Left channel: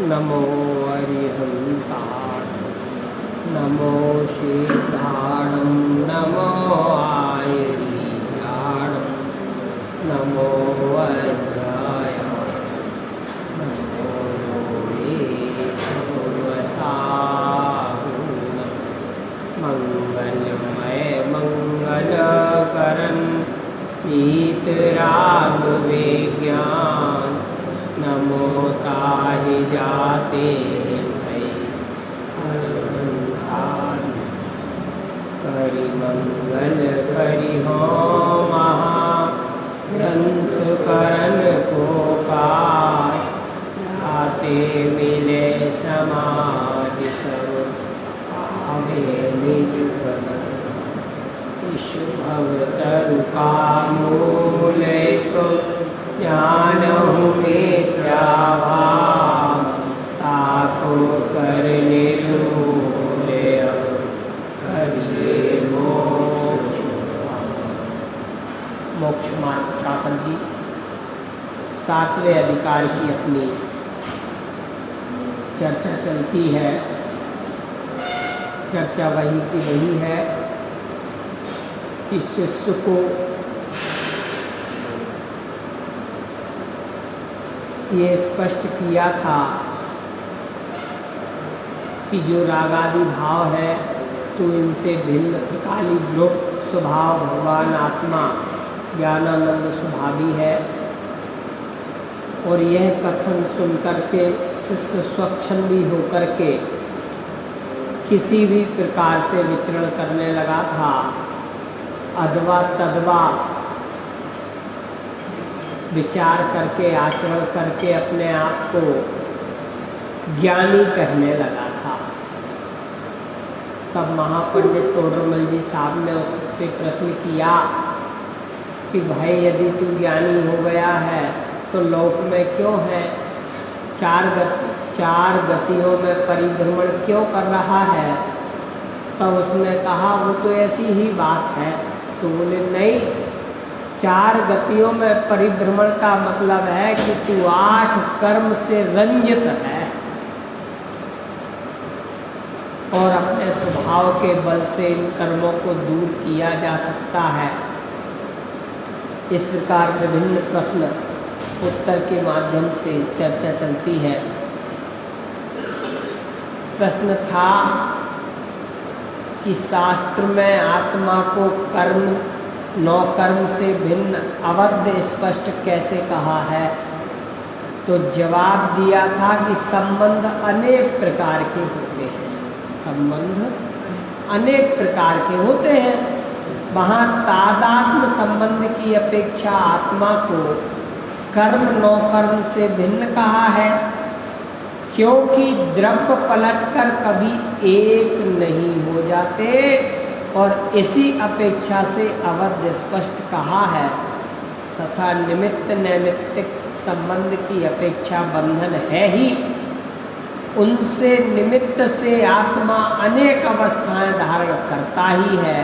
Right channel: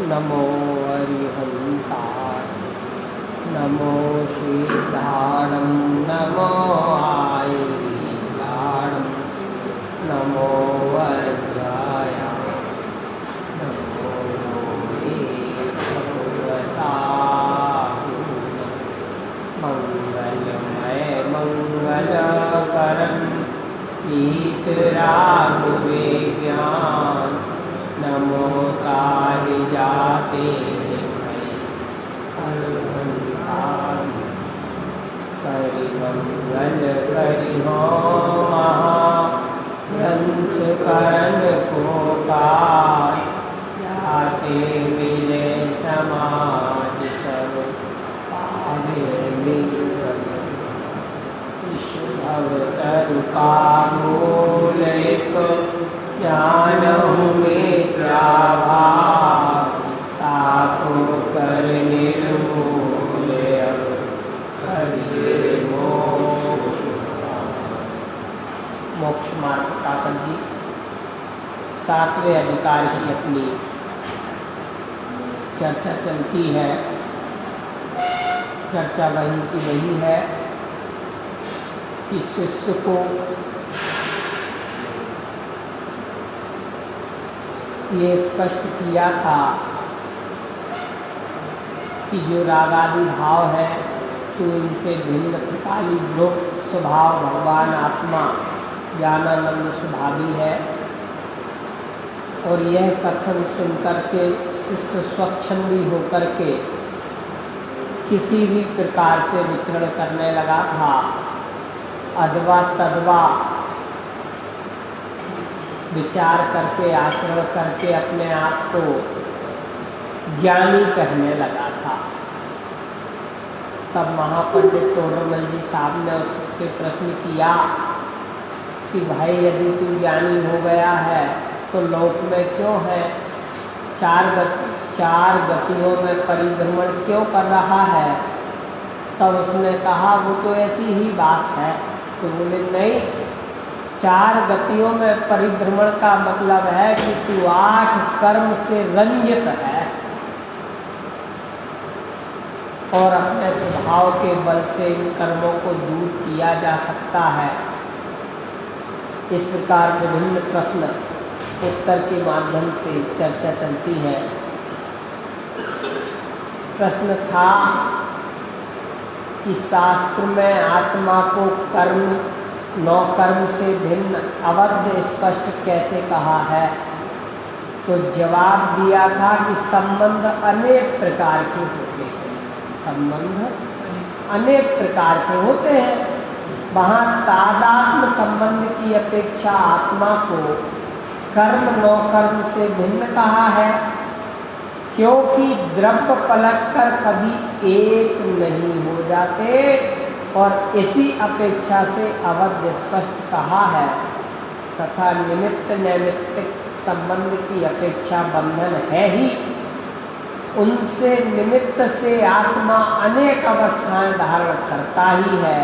नमो अरिहन्ताय नमो श्रीदाणं नमो आयरिदाणं नमो वज्राय नमो वेदपुरसाहूनं मंगलमय मंगलकरं वीतरागविज्ञान नमो ताहि जाते करि मंगल करि हो महाग्रंथ करण को कार आते मिले समाधि सब पावे निज पद भवतरु का मूल एक ज्ञान मिथ्याभाव ताको कर निर्मूल अब हरिये मोक्ष मार्ग शासन जी 7वें अधिकार की अपनी चर्चा चलती है। चर्चा वही की वही है कि शिष्य को ये स्पष्ट किया था कि जो रागादि भाव है तो इनसे भिन्न त्रिकाली लोक स्वभाव भगवान आत्मा ज्ञानानंद स्वभावी है। और यह कथन सुनकर के शिष्य स्वच्छंदी होकर के किसी भी प्रकार से विचरण करने लगा था, अथवा तदवा विचार करके आचरण करके अपने आप को ज्ञानी कहने लगा था। तब महापंडित तोरमल जी साहब ने उससे प्रश्न किया कि भाई यदि तू ज्ञानी हो गया है तो लोक में क्यों है, चार गतियों में परिभ्रमण क्यों कर रहा है। तब उसने कहा वो तो ऐसी ही बात है। तो बोले नहीं, 4 गतियों में परिभ्रमण का मतलब है कि तू 8 कर्म से रंजित है और अपने स्वभाव के बल से इन कर्मों को दूर किया जा सकता है। इस प्रकार विभिन्न प्रश्न उत्तर के माध्यम से चर्चा चलती है। प्रश्न था कि शास्त्र में आत्मा को कर्म 9 कर्म से भिन्न अवध स्पष्ट कैसे कहा है। तो जवाब दिया था कि संबंध अनेक प्रकार के होते हैं। संबंध अनेक प्रकार के होते हैं। वहाँ तादात्म्य संबंध की अपेक्षा आत्मा को कर्म 9 कर्म से भिन्न कहा है, क्योंकि द्रव्य पलटकर कभी एक नहीं हो जाते और इसी अपेक्षा से अवध स्पष्ट कहा है। तथा निमित्त नैमित्तिक संबंध की अपेक्षा बंधन है ही, उनसे निमित्त से आत्मा अनेक अवस्थाएं धारण करता ही है।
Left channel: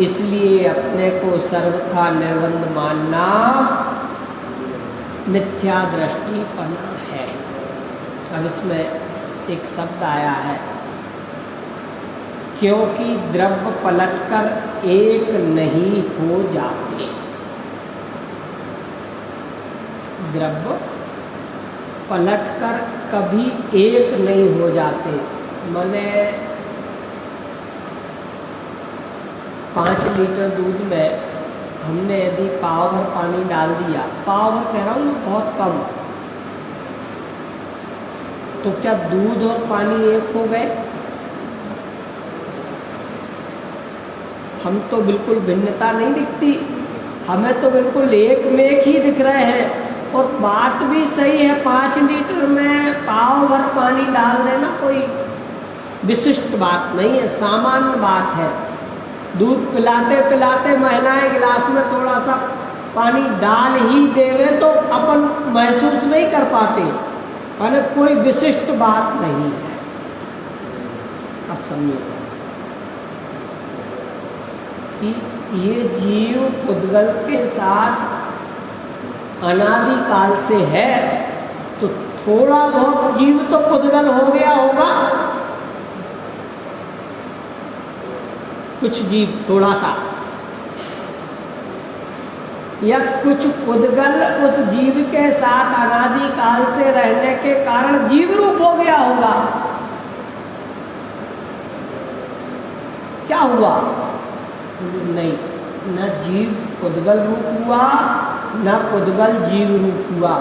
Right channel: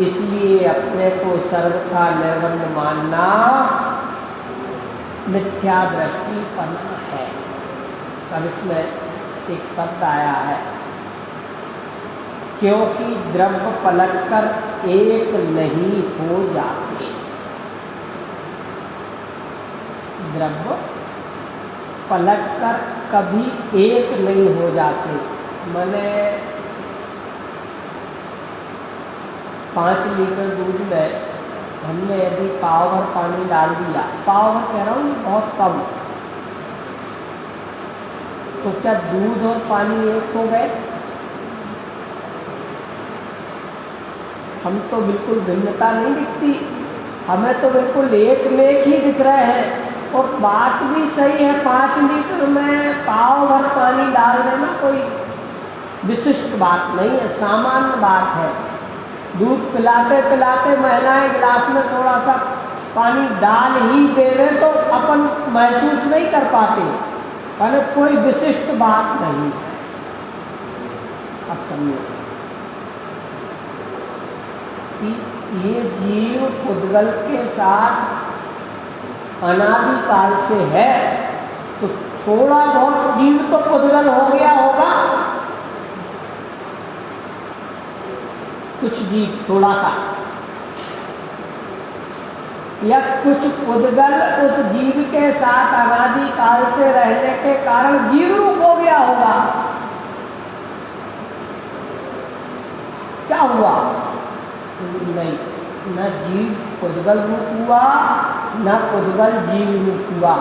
इसलिए अपने को सर्वथा निर्बंध मानना मिथ्या दृष्टिपना है। अब इसमें एक शब्द आया है, क्योंकि द्रव्य पलटकर एक नहीं हो जाते। द्रव्य पलटकर कभी एक नहीं हो जाते। मैंने 5 लीटर दूध में हमने यदि पाव भर पानी डाल दिया, पाव भर कह रहा हूँ, बहुत कम, तो क्या दूध और पानी एक हो गए? हम तो बिल्कुल भिन्नता नहीं दिखती, हमें तो बिल्कुल एक में एक ही दिख रहे हैं। और बात भी सही है, 5 लीटर में पाव भर पानी डाल देना कोई विशिष्ट बात नहीं है, सामान्य बात है। दूध पिलाते पिलाते महिलाएं गिलास में थोड़ा सा पानी डाल ही देवे तो अपन महसूस नहीं कर पाते, माने कोई विशिष्ट बात नहीं है। अब समझो कि ये जीव पुद्गल के साथ अनादिकाल से है, तो थोड़ा बहुत जीव तो पुद्गल हो गया होगा, कुछ जीव थोड़ा सा, या कुछ पुद्गल उस जीव के साथ अनादि काल से रहने के कारण जीव रूप हो गया होगा। क्या हुआ? नहीं, न जीव पुद्गल रूप हुआ, न पुद्गल जीव रूप हुआ।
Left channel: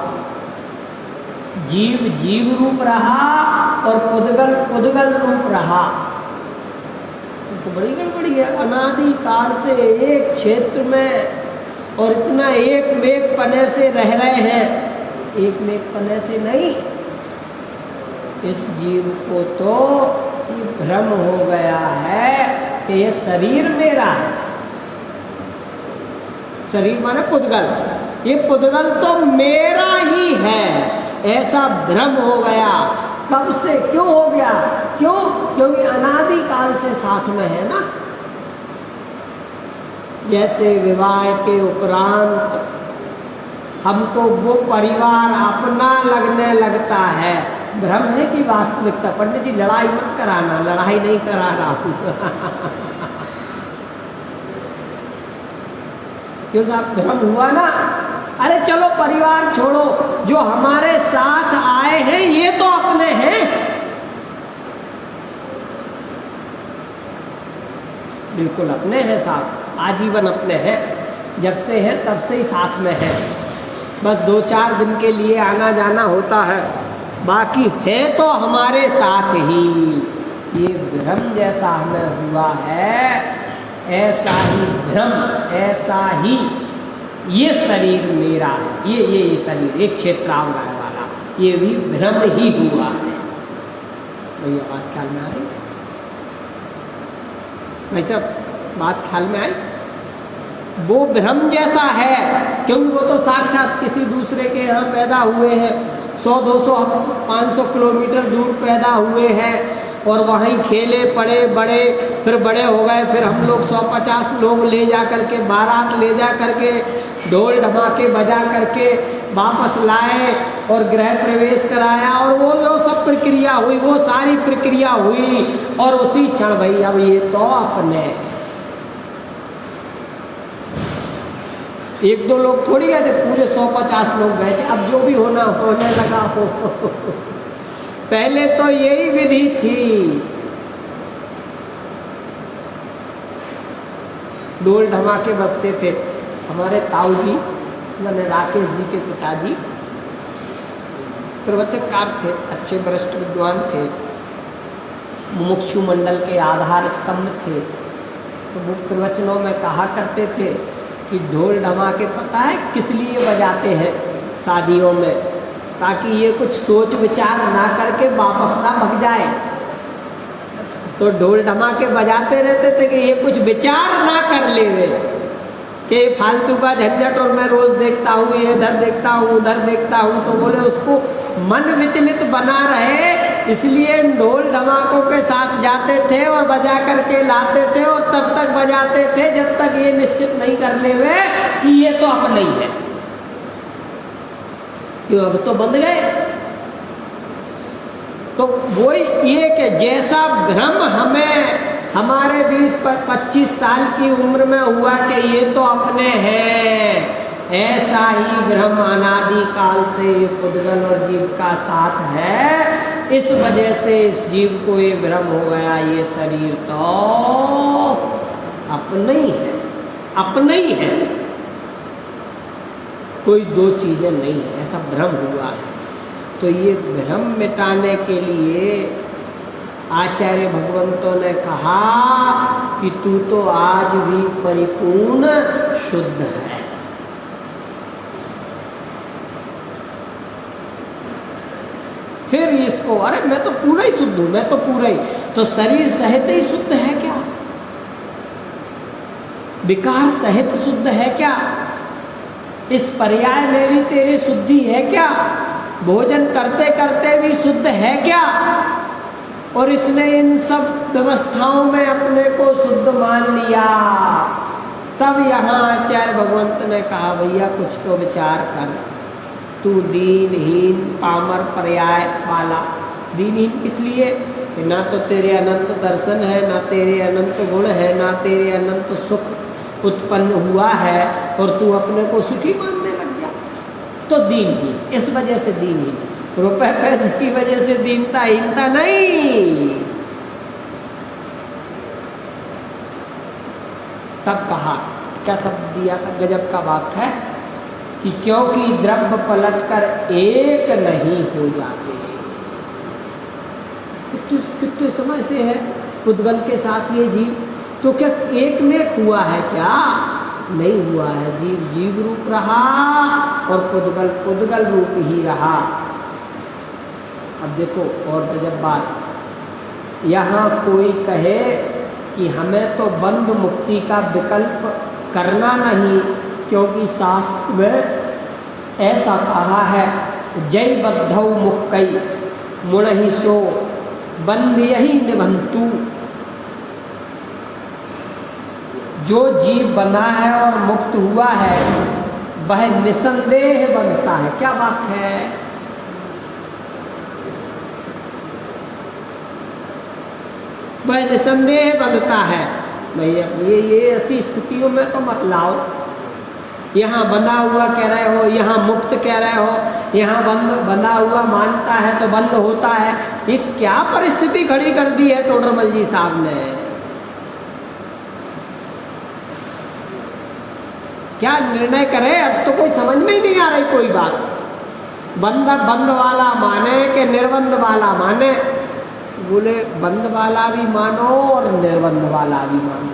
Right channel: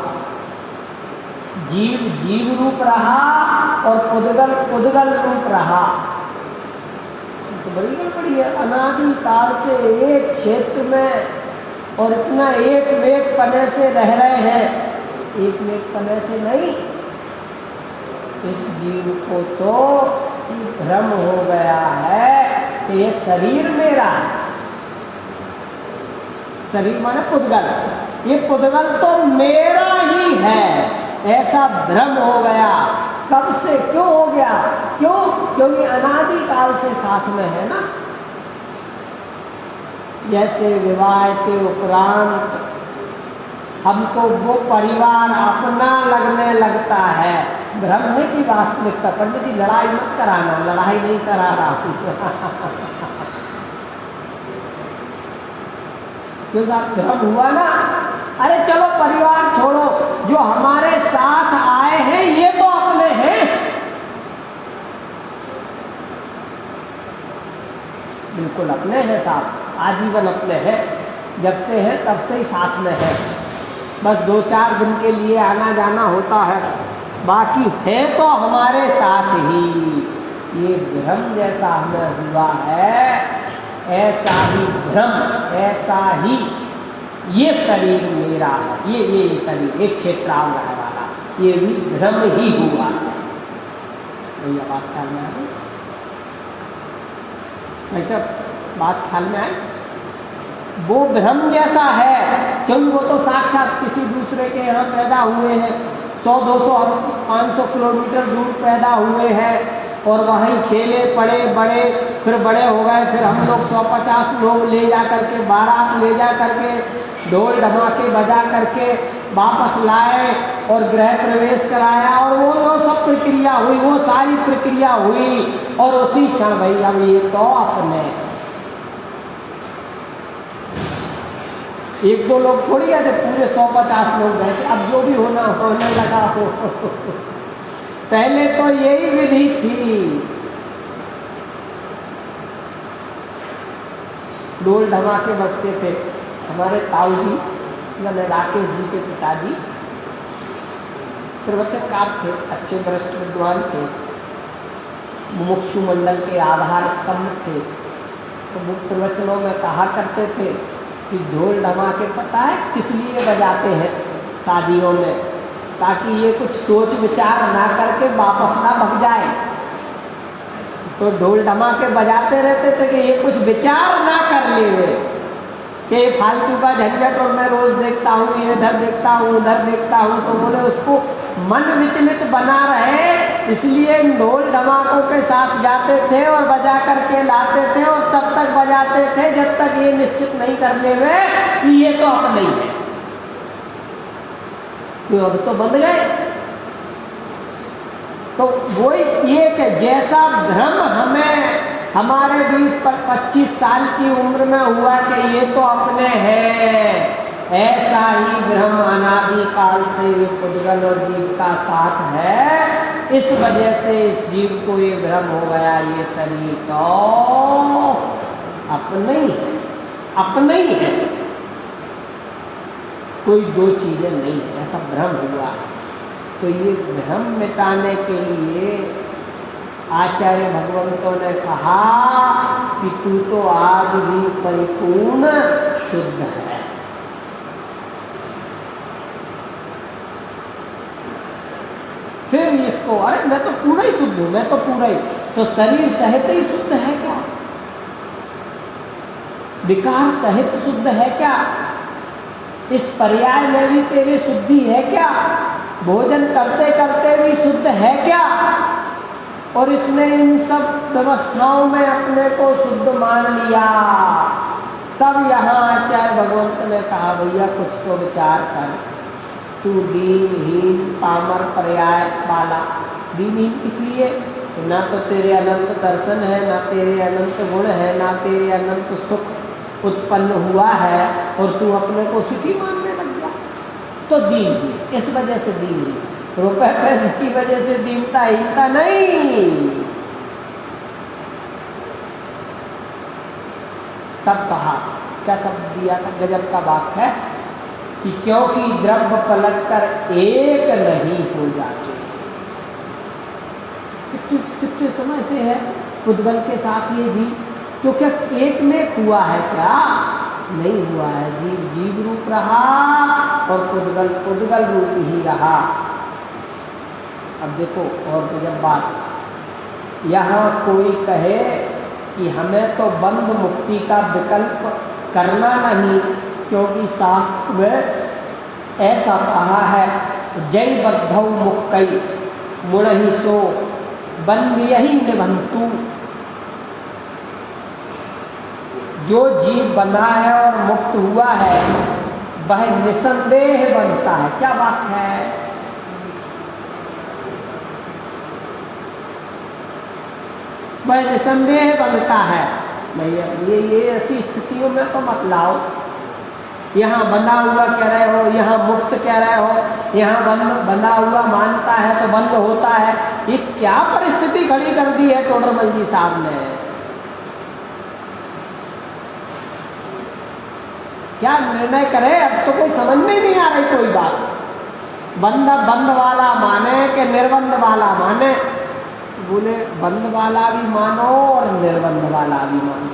जीव जीव रूप रहा और पुद्गल पुद्गल रूप रहा। तो बड़ी गड़बड़ी है। अनादि काल से एक क्षेत्र में और इतना एक मेघ पने से रह रहे हैं, एक मेघ पने से नहीं। इस जीव को तो भ्रम हो गया है कि ये शरीर मेरा है। शरीर माने पुद्गल, ये पुद्गल तो मेरा ही है, ऐसा भ्रम हो गया। कब से? क्यों हो गया? क्यों? क्योंकि अनादि काल से साथ में है ना। जैसे विवाह के उपरांत हमको वो परिवार अपना लगने लगता है, भ्रम है कि वास्तविकता? पंडित जी लड़ाई मत कराना, लड़ाई नहीं करा रहा हूँ। क्यों साहब? भ्रम हुआ ना। अरे चलो परिवार छोड़ो, जो हमारे साथ आए हैं ये तो अपने हैं। बिल्कुल अपने हैं साहब, आजीवन अपने हैं। जब से है तब से ही साथ में है। बस 2-4 दिन के लिए आना जाना होता है, बाकी है तो हमारे साथ ही। ये भ्रम जैसा हमें हुआ है, ऐसा ही भ्रम, ऐसा ही ये शरीर मेरा है, ये शरीर एक क्षेत्रांग वाला, ये भी भ्रम ही हुआ है। भैया बात ख्याल में आ रही? वैसे बात ख्याल में आई? वो भ्रम जैसा है, क्योंकि वो तो साक्षात किसी दूसरे के यहाँ पैदा हुए हैं, 100, 200, 500 किलोमीटर दूर पैदा हुए हैं और वहीं खेले पड़े बड़े, फिर बड़े हो गए। फिर हम लोग 150 लोग ले जा करके, बारात ले जा करके, ढोल ढमाके बजा करके वापस लाए और गृह प्रवेश कराया, और वो जो सब प्रक्रिया हुई, वो सारी प्रक्रिया हुई, और उसी क्षण भाई अब ये तो अपने 1-2 लोग थोड़ी गए थे, पूरे 150 लोग गए थे। अब जो भी होना होने लगा हो। पहले तो यही विधि थी, ढोल ढमाके बजते थे। हमारे ताऊ जी मैंने राकेश जी के पिताजी प्रवचनकार थे, अच्छे वरिष्ठ विद्वान थे, मुमुक्षु मंडल के आधार स्तंभ थे। तो वो प्रवचनों में कहा करते थे कि ढोल ढमाके पता है किस लिए बजाते हैं शादियों में? ताकि ये कुछ सोच विचार ना करके वापस ना भग जाए। तो ढोल ढमाके बजाते रहते थे कि ये कुछ विचार ना कर ले वे कि फालतू का झंझट, और मैं रोज देखता हूँ, ये इधर देखता हूँ, उधर देखता हूँ। तो बोले उसको मन विचलित बना रहे, इसलिए ढोल ढमाकों के साथ जाते थे और बजा करके लाते थे, और तब तक बजाते थे जब तक ये निश्चित नहीं कर ले वे कि ये तो अपना ही है। क्यों? अब तो बंद गए। तो वो ये कि जैसा भ्रम हमें हमारे 20-25 साल की उम्र में हुआ कि ये तो अपने हैं, ऐसा ही भ्रम अनादि काल से पुद्गल और जीव का साथ है। इस वजह से इस जीव को ये भ्रम हो गया, ये शरीर तो अपना ही है, अपना ही है, कोई 2 चीजें नहीं है, ऐसा भ्रम हुआ है। तो ये भ्रम मिटाने के लिए आचार्य भगवंतों ने कहा कि तू तो आज भी परिपूर्ण शुद्ध है। फिर इसको, अरे मैं तो पूरा ही शुद्ध हूं, मैं तो पूरा ही, तो शरीर सहित ही शुद्ध है क्या? विकार सहित शुद्ध है क्या? इस पर्याय में भी तेरी शुद्धि है क्या? भोजन करते करते भी शुद्ध है क्या? और इसने इन सब व्यवस्थाओं में अपने को शुद्ध मान लिया। तब यहाँ आचार्य भगवंत ने कहा भैया कुछ तो विचार कर, तू दीनहीन पामर पर्याय वाला। दीनहीन किस लिए? ना तो तेरे अनंत दर्शन है, ना तेरे अनंत गुण है, ना तेरे अनंत सुख उत्पन्न हुआ है, और तू अपने को सुखी मानने लग गया, तो दीनहीन। इस वजह से दीनहीन, रुपए पैसे की वजह से दीनता हीनता नहीं। तब कहा, क्या शब्द दिया था, गजब का बात है कि क्योंकि द्रव्य पलटकर एक नहीं हो जाते। कितने समय से है पुद्गल के साथ ये जीव, तो क्या एक में हुआ है? क्या नहीं हुआ है। जीव जीव रूप रहा और पुद्गल पुद्गल रूप ही रहा। अब देखो और गजब बात, यहाँ कोई कहे कि हमें तो बंध मुक्ति का विकल्प करना नहीं, क्योंकि शास्त्र में ऐसा कहा है, जय बद्धौ मुक्कई मुणहि सो बंध यही निबंतु। जो जीव बंधा है और मुक्त हुआ है वह निसंदेह बनता है। क्या बात है? वह निसंदेह बनता है। भैया ये ऐसी स्थितियों में तो मत लाओ, यहाँ बंधा हुआ कह रहे हो, यहाँ मुक्त कह रहे हो, यहाँ बंधा हुआ मानता है तो बंद होता है। ये क्या परिस्थिति खड़ी कर दी है टोडरमल जी साहब ने? क्या निर्णय करे? अब तो कोई समझ में नहीं आ रही कोई बात। बंद वाला माने कि निर्बंध वाला माने? बोले बंद वाला भी मानो और निर्बंध वाला भी मानो।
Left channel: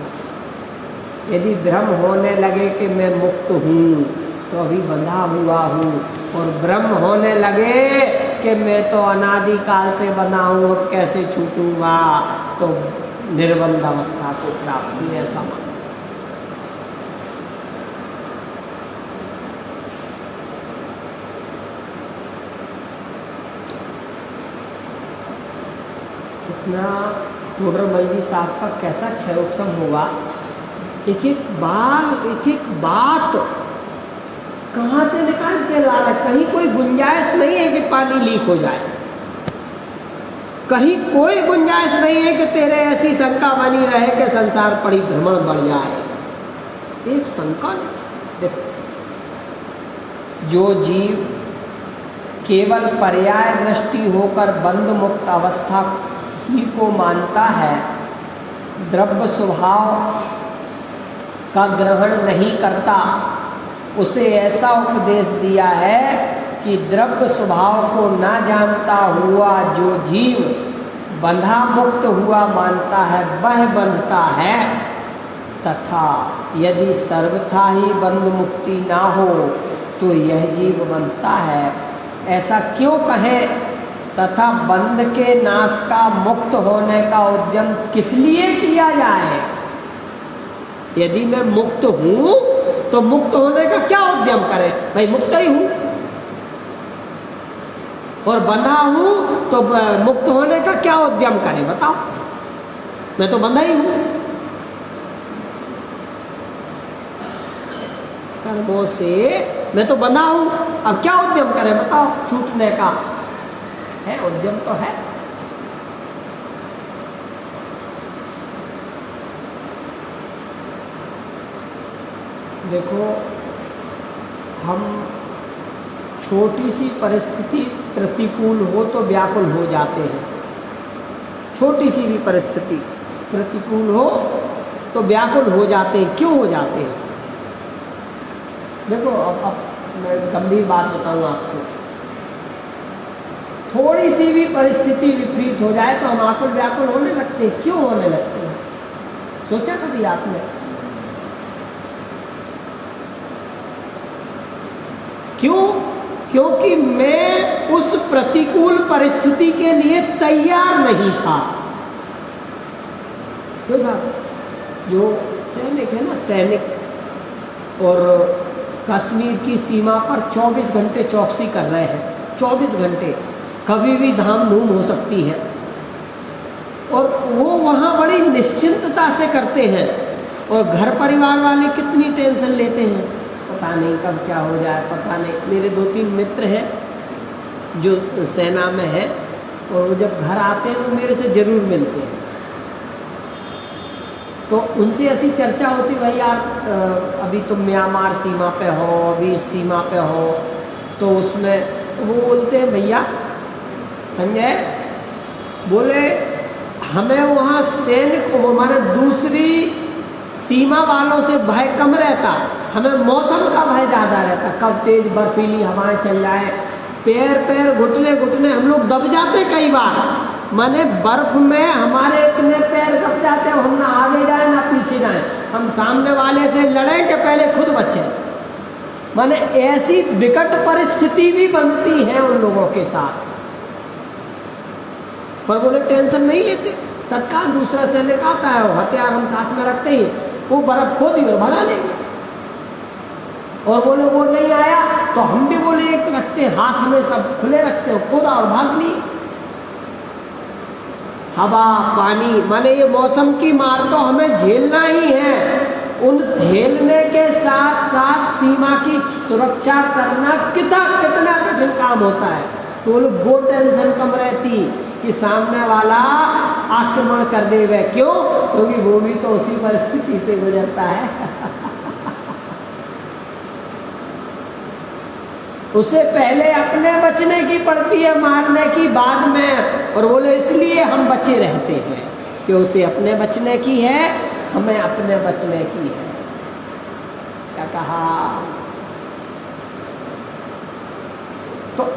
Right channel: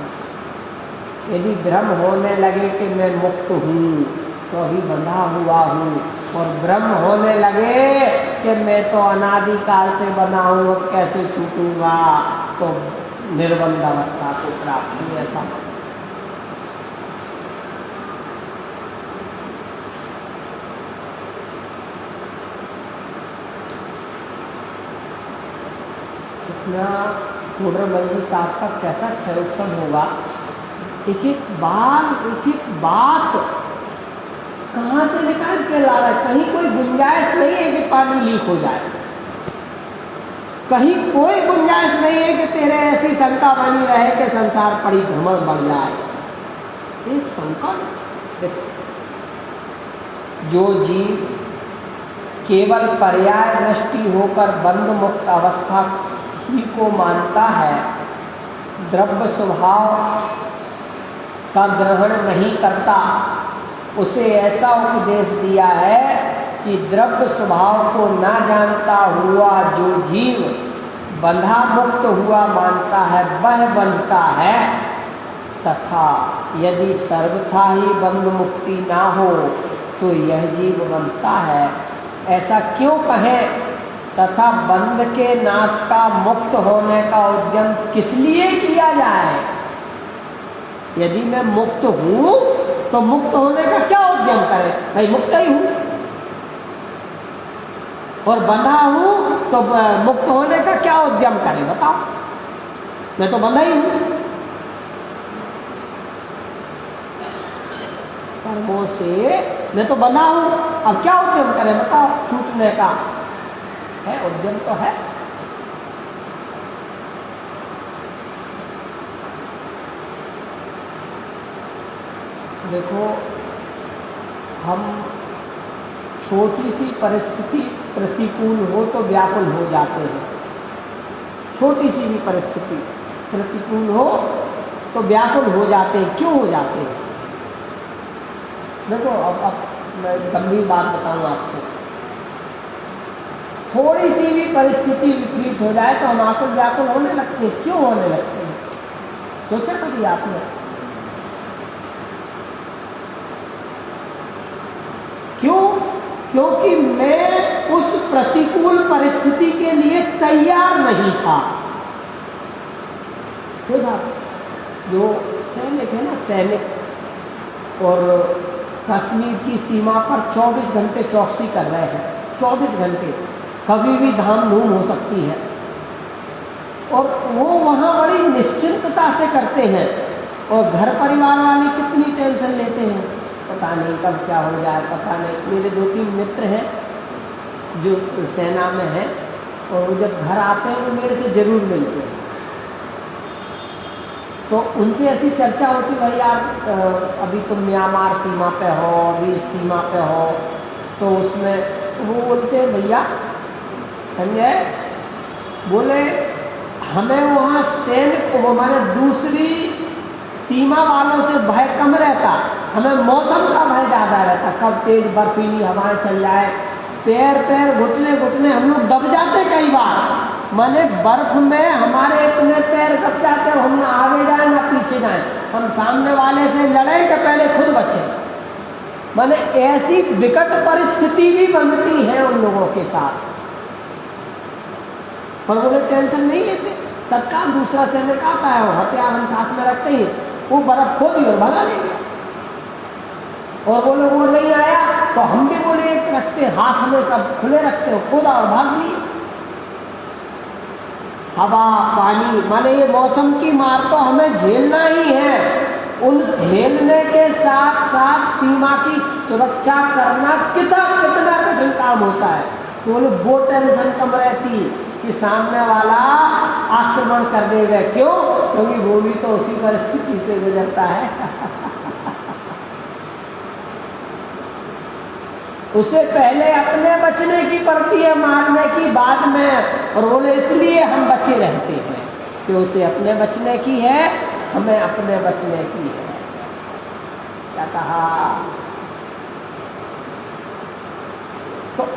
यदि भ्रम होने लगे कि मैं मुक्त हूँ तो अभी बंधा हुआ हूँ, और भ्रम होने लगे कि मैं तो अनादिकाल से बंधा हूँ और कैसे छूटूंगा, तो निर्बंध अवस्था को प्राप्त हुई। ऐसा इतना टोडरमल जी साहब का कैसा क्षयोत्सव होगा। एक एक बात कहाँ से निकाल के ला रहा है। कहीं कोई गुंजाइश नहीं है कि पानी लीक हो जाए, कहीं कोई गुंजाइश नहीं है कि तेरे ऐसी शंका बनी रहे कि संसार परिभ्रमण बढ़ जाए। एक शंका नहीं। देखो, जो जीव केवल पर्याय दृष्टि होकर बंध मुक्त अवस्था ही को मानता है, द्रव्य स्वभाव का ग्रहण नहीं करता, उसे ऐसा उपदेश दिया है कि द्रव्य स्वभाव को ना जानता हुआ जो जीव बंधा मुक्त हुआ मानता है वह बंधता है, तथा यदि सर्वथा ही बंध मुक्ति ना हो तो यह जीव बंधता है। ऐसा क्यों कहें? तथा बंध के नाश का मुक्त होने का उद्यम किस लिए किया जाए? यदि मैं मुक्त हूँ तो मुक्त होने का क्या उद्यम करें? भाई मुक्त ही हूँ, और बंधा हूँ तो मुक्त होने का क्या उद्यम करें? बताओ, मैं तो बंधा ही हूँ। कर्मों से मैं तो बंधा हूँ, अब क्या उद्यम करें? बताओ, छूटने का है उद्यम तो है। देखो, हम छोटी सी परिस्थिति प्रतिकूल हो तो व्याकुल हो जाते हैं। छोटी सी भी परिस्थिति प्रतिकूल हो तो व्याकुल हो जाते हैं। क्यों हो जाते हैं? देखो, अब मैं गंभीर बात बताऊँ आपको। थोड़ी सी भी परिस्थिति विपरीत हो जाए तो हम आकुल व्याकुल होने लगते हैं। क्यों होने लगते हैं? सोचा कभी आपने? क्यों? क्योंकि मैं उस प्रतिकूल परिस्थिति के लिए तैयार नहीं था। क्यों साहब? जो सैनिक है ना, सैनिक, और कश्मीर की सीमा पर 24 घंटे चौकसी कर रहे हैं। 24 घंटे, कभी भी धाम धूम हो सकती है, और वो वहाँ बड़ी निश्चिंतता से करते हैं। और घर परिवार वाले कितनी टेंशन लेते हैं पता नहीं कब क्या हो जाए, पता नहीं। मेरे 2-3 मित्र हैं जो सेना में है, और वो जब घर आते हैं तो मेरे से ज़रूर मिलते हैं। तो उनसे ऐसी चर्चा होती, भाई यार अभी तुम म्यांमार सीमा पे हो, अभी इस सीमा पे हो, तो उसमें वो बोलते हैं भैया संजय, बोले हमें वहाँ सैनिक वो माने दूसरी सीमा वालों से भय कम रहता, हमें मौसम का भय ज़्यादा रहता, कब तेज बर्फीली हवाएं चल जाए, पैर घुटने हम लोग दब जाते कई बार। माने बर्फ में हमारे इतने पैर दब जाते, हम ना आगे जाए ना पीछे जाए, हम सामने वाले से लड़ें कि पहले खुद बचें। माने ऐसी विकट परिस्थिति भी बनती है उन लोगों के साथ, पर वो टेंशन नहीं लेते। तत्काल दूसरा सैनिक आता है, हथियार हम साथ में रखते ही वो बर्फ खोदी और भगा लेंगे। और वो लोग वो नहीं आया तो हम भी बोले एक रखते, हाथ में सब खुले रखते हो, खोदा और भाग लिए। हवा पानी माने ये मौसम की मार तो हमें झेलना ही है, उन झेलने के साथ साथ सीमा की सुरक्षा करना कितना कठिन काम होता है। तो वो टेंशन कम रहती कि सामने वाला आक्रमण कर देगा, क्यों? क्योंकि वो भी तो उसी परिस्थिति से गुजरता है। उसे पहले अपने बचने की पड़ती है, मारने की बाद में। और बोले इसलिए हम बचे रहते हैं कि उसे अपने बचने की है, हमें अपने बचने की है। क्या कहा? तो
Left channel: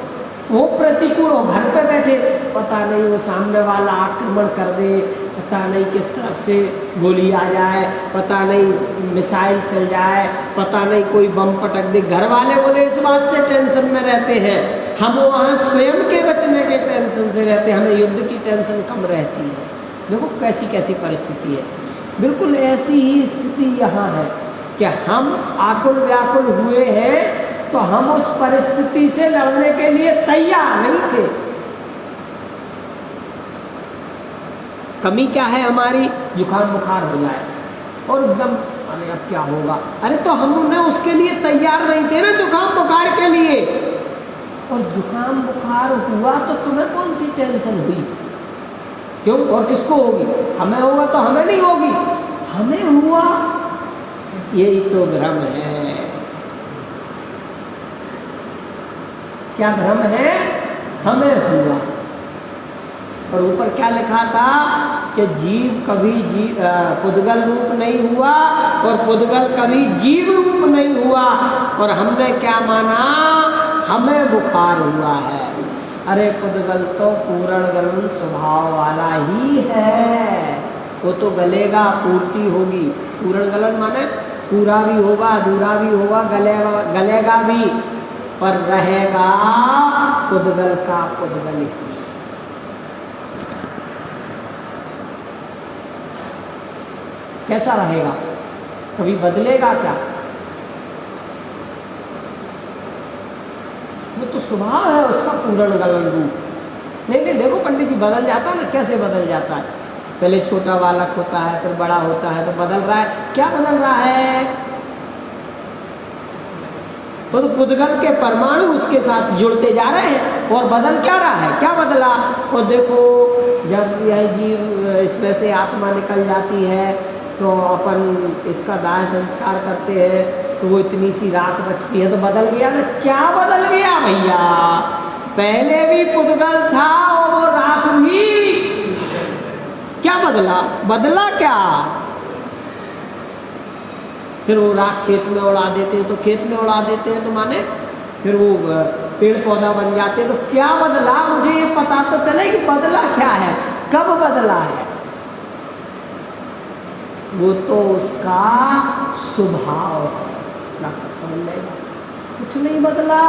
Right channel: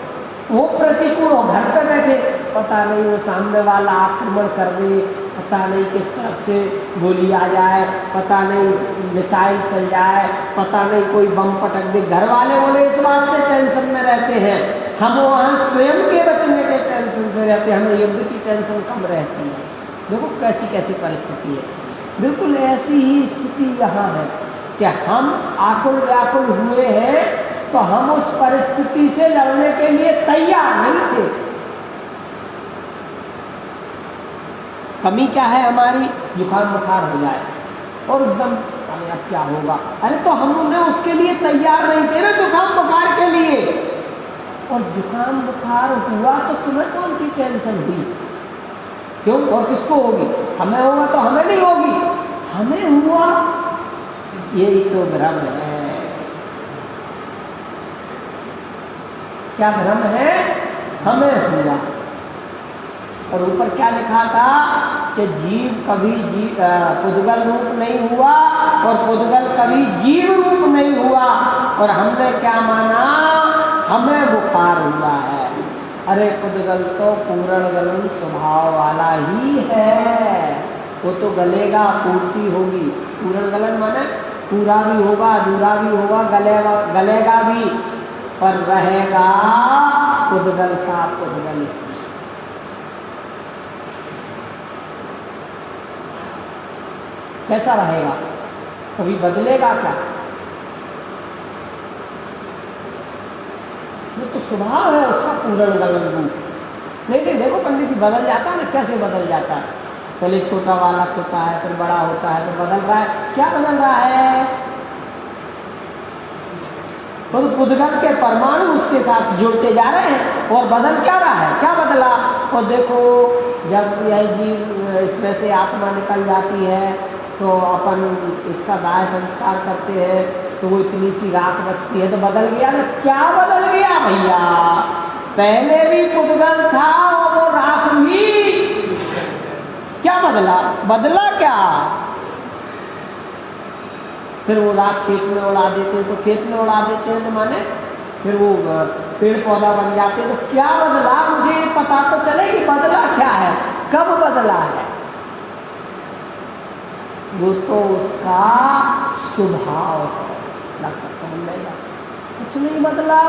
वो प्रतिकूल हो, घर पे बैठे, पता नहीं वो सामने वाला आक्रमण कर दे, पता नहीं किस तरफ से गोली आ जाए, पता नहीं मिसाइल चल जाए, पता नहीं कोई बम पटक दे। घर वाले बोले इस बात से टेंशन में रहते हैं, हम वहाँ स्वयं के बचने के टेंशन से रहते हैं, हमें युद्ध की टेंशन कम रहती है। देखो कैसी कैसी परिस्थिति है। बिल्कुल ऐसी ही स्थिति यहाँ है कि हम आकुल व्याकुल हुए हैं, तो हम उस परिस्थिति से लड़ने के लिए तैयार नहीं थे। कमी क्या है हमारी? जुकाम बुखार हो जाए और एकदम अरे अब क्या होगा, अरे तो हमने उसके लिए तैयार नहीं थे ना जुकाम बुखार के लिए। और जुकाम बुखार हुआ तो तुम्हें कौन सी टेंशन हुई? क्यों? और किसको होगी? हमें होगा तो हमें नहीं होगी, हमें हुआ, यही तो भ्रम है। क्या भ्रम है? हमें हुआ। और ऊपर क्या लिखा था कि जीव कभी पुद्गल रूप नहीं हुआ और पुद्गल कभी जीव रूप नहीं हुआ। और हमने क्या माना? हमें बुखार हुआ है। अरे पुद्गल तो पूर्ण गलन स्वभाव वाला ही है, वो तो गलेगा, पूर्ति होगी। पूर्ण गलन माने पूरा भी होगा, अधूरा भी होगा, गलेगा भी, पर रहेगा पुद्गल का पुद्गल ही। कैसा रहेगा? कभी बदलेगा क्या? वो तो स्वभाव है उसका पूर्ण गलन रूप। नहीं देखो पंडित जी, बदल जाता है ना। कैसे बदल जाता है? पहले छोटा बालक होता है, फिर बड़ा होता है, तो बदल रहा है। क्या बदल रहा है? तो पुद्गल के परमाणु उसके साथ जुड़ते जा रहे हैं। और बदल क्या रहा है? क्या बदला? और देखो जब यह जीव इसमें से आत्मा निकल जाती है तो अपन इसका दाह संस्कार करते हैं, तो वो इतनी सी राख बचती है, तो बदल गया ना। क्या बदल गया भैया? पहले भी पुद्गल था और वो राख भी। क्या बदला? बदला क्या? फिर वो राख खेत में उड़ा देते हैं, तो खेत में उड़ा देते हैं तो माने फिर वो पेड़ पौधा बन जाते हैं। तो क्या बदला? मुझे पता तो चले कि बदला क्या है, कब बदला है। वो तो उसका स्वभाव है। समझ लेगा, कुछ नहीं बदला,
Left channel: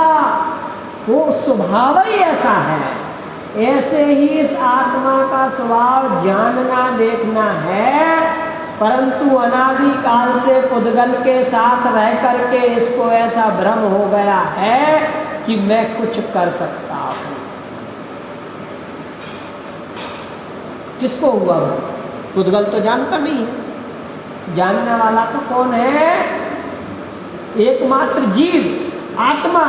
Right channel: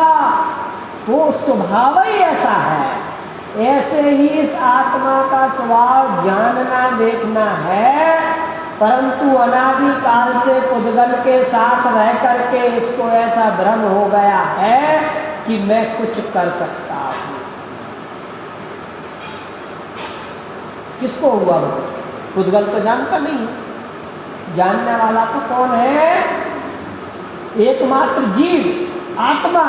वो स्वभाव ही ऐसा है। ऐसे ही इस आत्मा का स्वभाव जानना देखना है, परंतु अनादि काल से पुद्गल के साथ रह करके इसको ऐसा भ्रम हो गया है कि मैं कुछ कर सकता हूं। किसको हुआ? पुद्गल तो जानता नहीं है। जानने वाला तो कौन है? एकमात्र जीव आत्मा,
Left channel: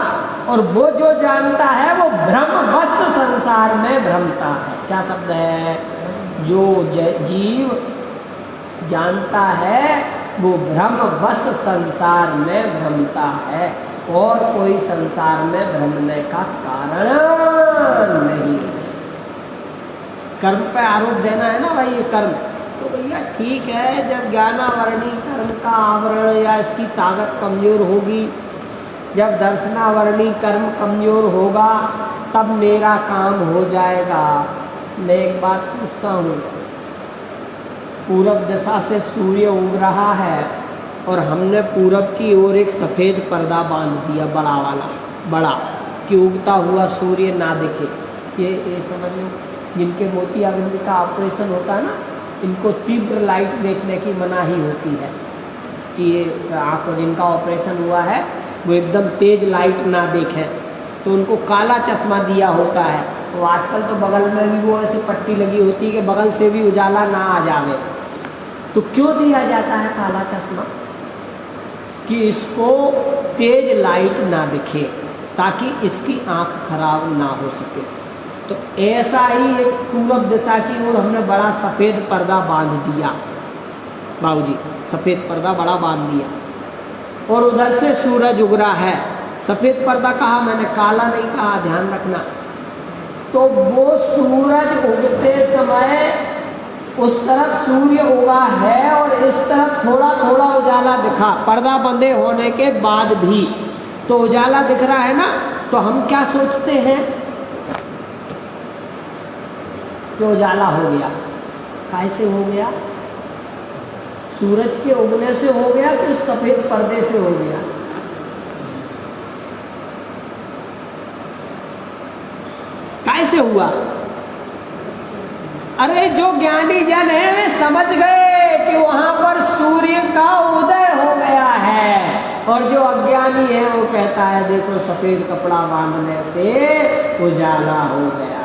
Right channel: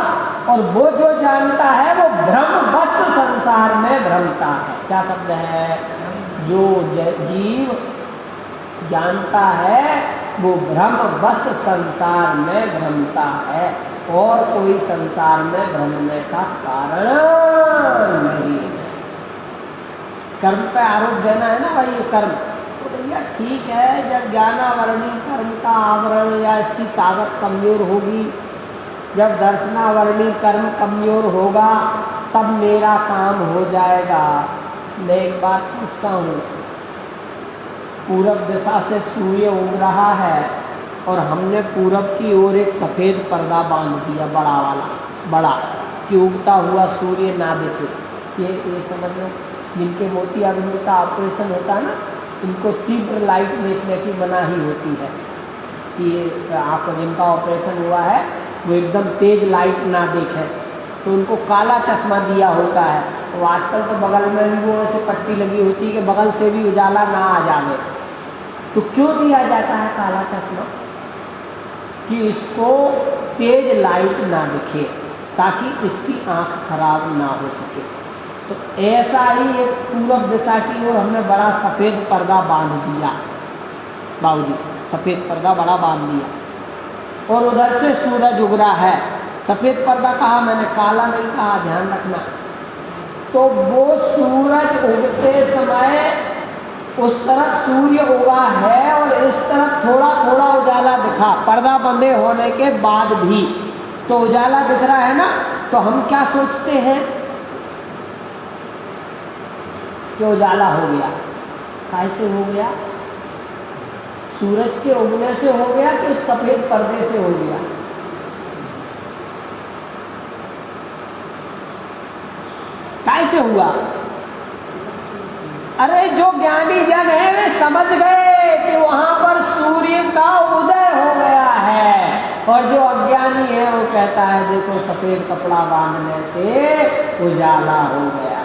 और वो जो जानता है वो भ्रमवश संसार में भ्रमता है। क्या शब्द है? जो जीव जानता है वो भ्रमवश संसार में भ्रमता है, और कोई संसार में भ्रमने का कारण नहीं है। कर्म पे आरोप देना है ना भाई, ये कर्म तो भैया ठीक है, जब ज्ञानावरणी कर्म का आवरण या इसकी ताकत कमजोर होगी, जब दर्शनावरणी कर्म कमजोर होगा, तब मेरा काम हो जाएगा। मैं एक बात पूछता हूँ, पूरब दिशा से सूर्य उग रहा है और हमने पूरब की ओर एक सफ़ेद पर्दा बांध दिया, बड़ा वाला, बड़ा, कि उगता हुआ सूर्य ना दिखे। ये समझ लो, जिनके मोतियाबिंद का ऑपरेशन होता है ना, इनको तीव्र लाइट देखने की मनाही होती है कि ये आपको जिनका ऑपरेशन हुआ है वो एकदम तेज लाइट ना देखें, तो उनको काला चश्मा दिया होता है। तो आजकल तो बगल में भी वो ऐसे पट्टी लगी होती है कि बगल से भी उजाला ना आ जावे। तो क्यों दिया जाता है काला चश्मा? कि इसको तेज लाइट ना दिखे, ताकि इसकी आँख खराब ना हो सके। तो ऐसा ही एक पूरब दिशा की ओर हमने बड़ा सफ़ेद पर्दा बांध दिया, बाबूजी, सफ़ेद पर्दा बड़ा बांध दिया, और उधर से सूरज उग रहा है। सफ़ेद पर्दा कहा मैंने, काला नहीं कहा, ध्यान रखना। तो वो सूरज उगते समय उस तरफ सूर्य उगा है और इस तरफ थोड़ा थोड़ा उजाला दिखा, पर्दा बंदे होने के बाद भी तो उजाला दिख रहा है ना। तो हम क्या सोचते हैं कि उजाला हो गया। कैसे हो गया? सूरज के उगने से हो गया कि सफ़ेद पर्दे से हो गया? कैसे हुआ? अरे जो ज्ञानी जन है वे समझ गए कि वहां पर सूर्य का उदय हो गया है, और जो अज्ञानी है वो कहता है देखो सफ़ेद कपड़ा बांधने से उजाला हो गया।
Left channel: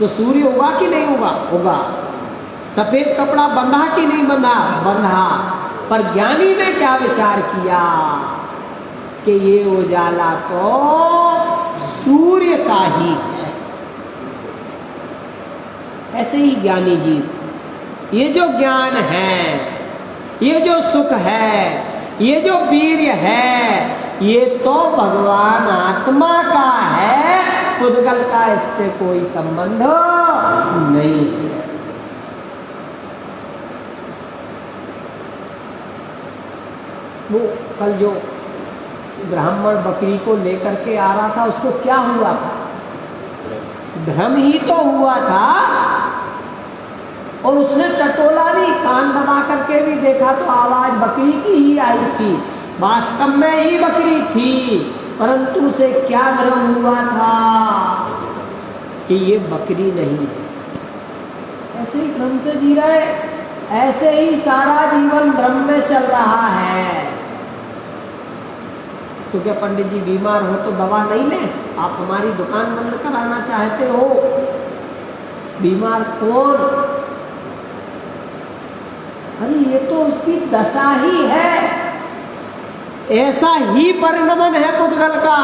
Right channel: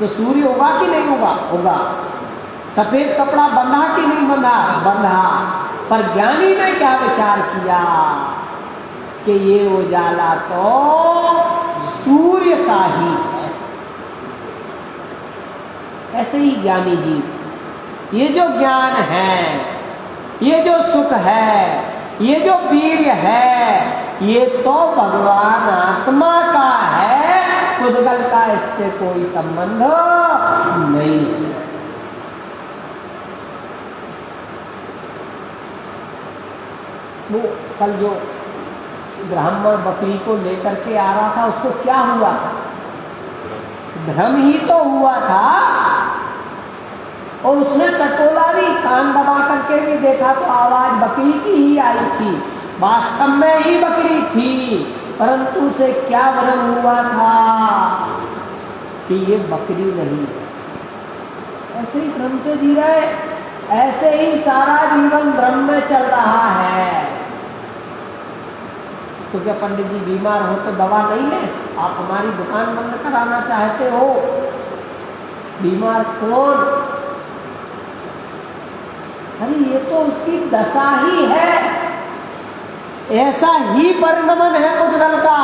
तो सूर्य उगा कि नहीं उगा? उगा। सफ़ेद कपड़ा बंधा कि नहीं बंधा? बंधा। पर ज्ञानी ने क्या विचार किया कि ये उजाला तो सूर्य का ही है। ऐसे ही ज्ञानी जी, ये जो ज्ञान है, ये जो सुख है, ये जो वीर्य है, ये तो भगवान आत्मा का है, पुद्गल का इससे कोई संबंध नहीं है। वो कल जो ब्राह्मण बकरी को लेकर के आ रहा था, उसको क्या हुआ था? भ्रम ही तो हुआ था, और उसने टटोला भी, कान दबा करके भी देखा तो आवाज बकरी की ही आई थी, वास्तव में ही बकरी थी, परंतु उसे क्या भ्रम हुआ था कि ये बकरी नहीं है। ऐसे ही भ्रम से जी रहे, ऐसे ही सारा जीवन भ्रम में चल रहा है। तो क्या पंडित जी बीमार हो तो दवा नहीं ले? आप हमारी दुकान बंद कराना चाहते हो? बीमार कौन? अरे ये तो उसकी दशा ही है, ऐसा ही परिणमन है पुद्गल का।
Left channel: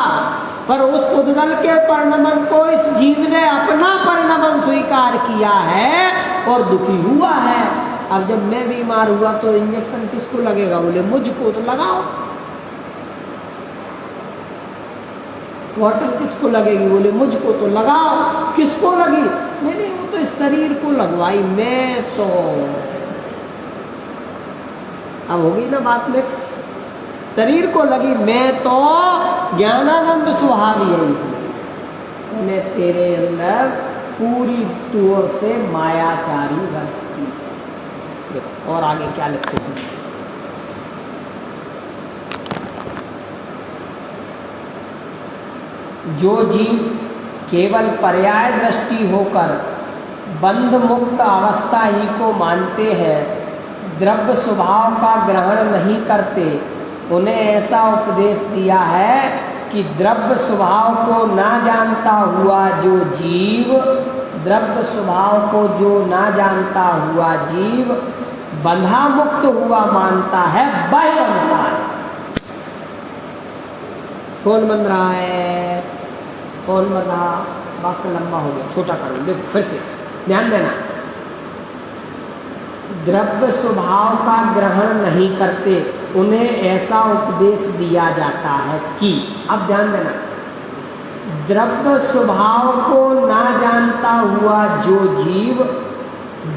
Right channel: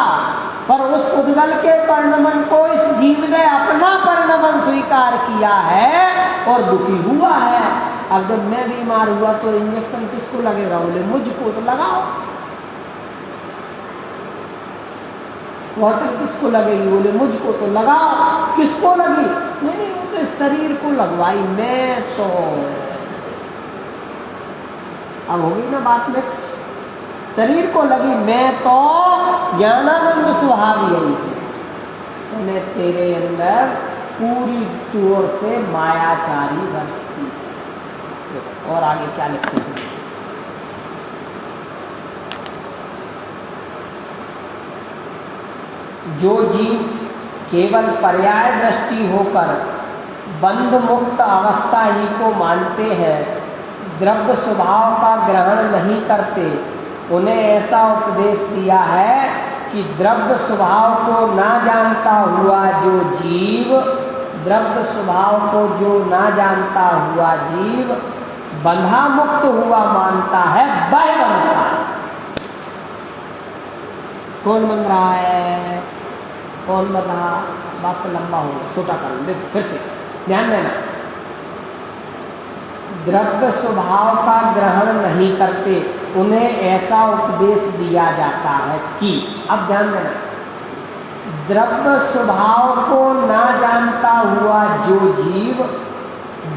पर उस पुद्गल के परिणमन को इस जीव ने अपना परिणमन स्वीकार किया है और दुखी हुआ है। अब जब मैं बीमार हुआ तो इंजेक्शन किसको लगेगा? बोले मुझको, तो लगाओ। बॉटल किसको लगेगी? बोले मुझको, तो लगाओ। किसको लगी? नहीं, वो तो इस शरीर को लगवाई, मैं तो। अब हो गई ना बात मिक्स। शरीर को लगी, मैं तो ज्ञानानंद स्वभाव यही थी, मैंने तेरे अंदर पूरी तौर से मायाचारी बरती। देखो और आगे क्या लिखते हैं। जो जीव केवल पर्याय दृष्टि होकर बंध मुक्त अवस्था ही को मानते हैं, द्रव्य स्वभाव का ग्रहण नहीं करते, उन्हें ऐसा उपदेश दिया है कि द्रव्य स्वभाव को ना जानता हुआ जो जीव, द्रव्य स्वभाव को जो ना जानता हुआ जीव बंधा मुक्त हुआ मानता है वह बंधता है। कौन बंध रहा है? कौन बंधा? वाक्य लंबा हो गया, छोटा कर लो। देखो फिर से ध्यान देना, द्रव्य स्वभाव का ग्रहण नहीं करते, उन्हें ऐसा उपदेश दिया जाता है कि, अब ध्यान देना, द्रव्य स्वभाव को ना जानता हुआ जो जीव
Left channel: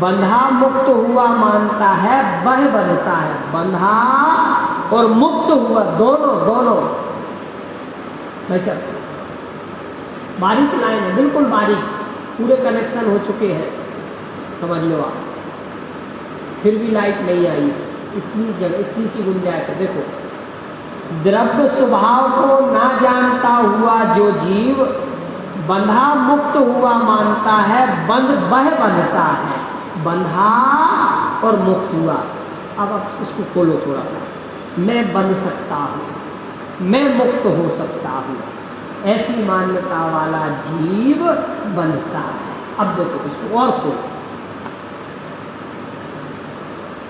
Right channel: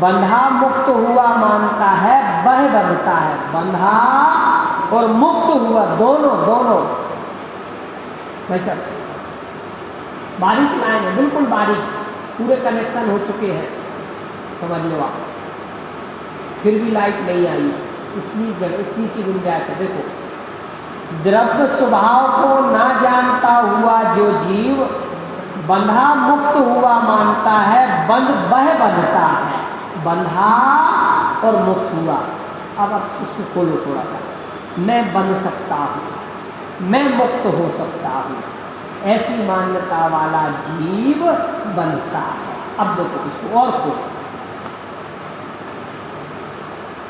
बंधा मुक्त हुआ मानता है वह बंधता है। बंधा और मुक्त हुआ दोनों भाई साहब, बारीक लाइन है, बिल्कुल बारीक, पूरे कनेक्शन हो चुके हैं, समझ लो आप। फिर भी लाइट नहीं आई, इतनी जगह, इतनी सी गुंजाइश है। देखो, द्रव्य स्वभाव को ना जानता हुआ जो जीव बंधा मुक्त हुआ मानता है वह बंधता है। बंधा और मुक्त हुआ। अब आप उसको खोलो थोड़ा सा। मैं बंध सकता हूँ, मैं मुक्त हो सकता हूँ, ऐसी मान्यता वाला जीव बंधता है। अब देखो इसको और खोलो।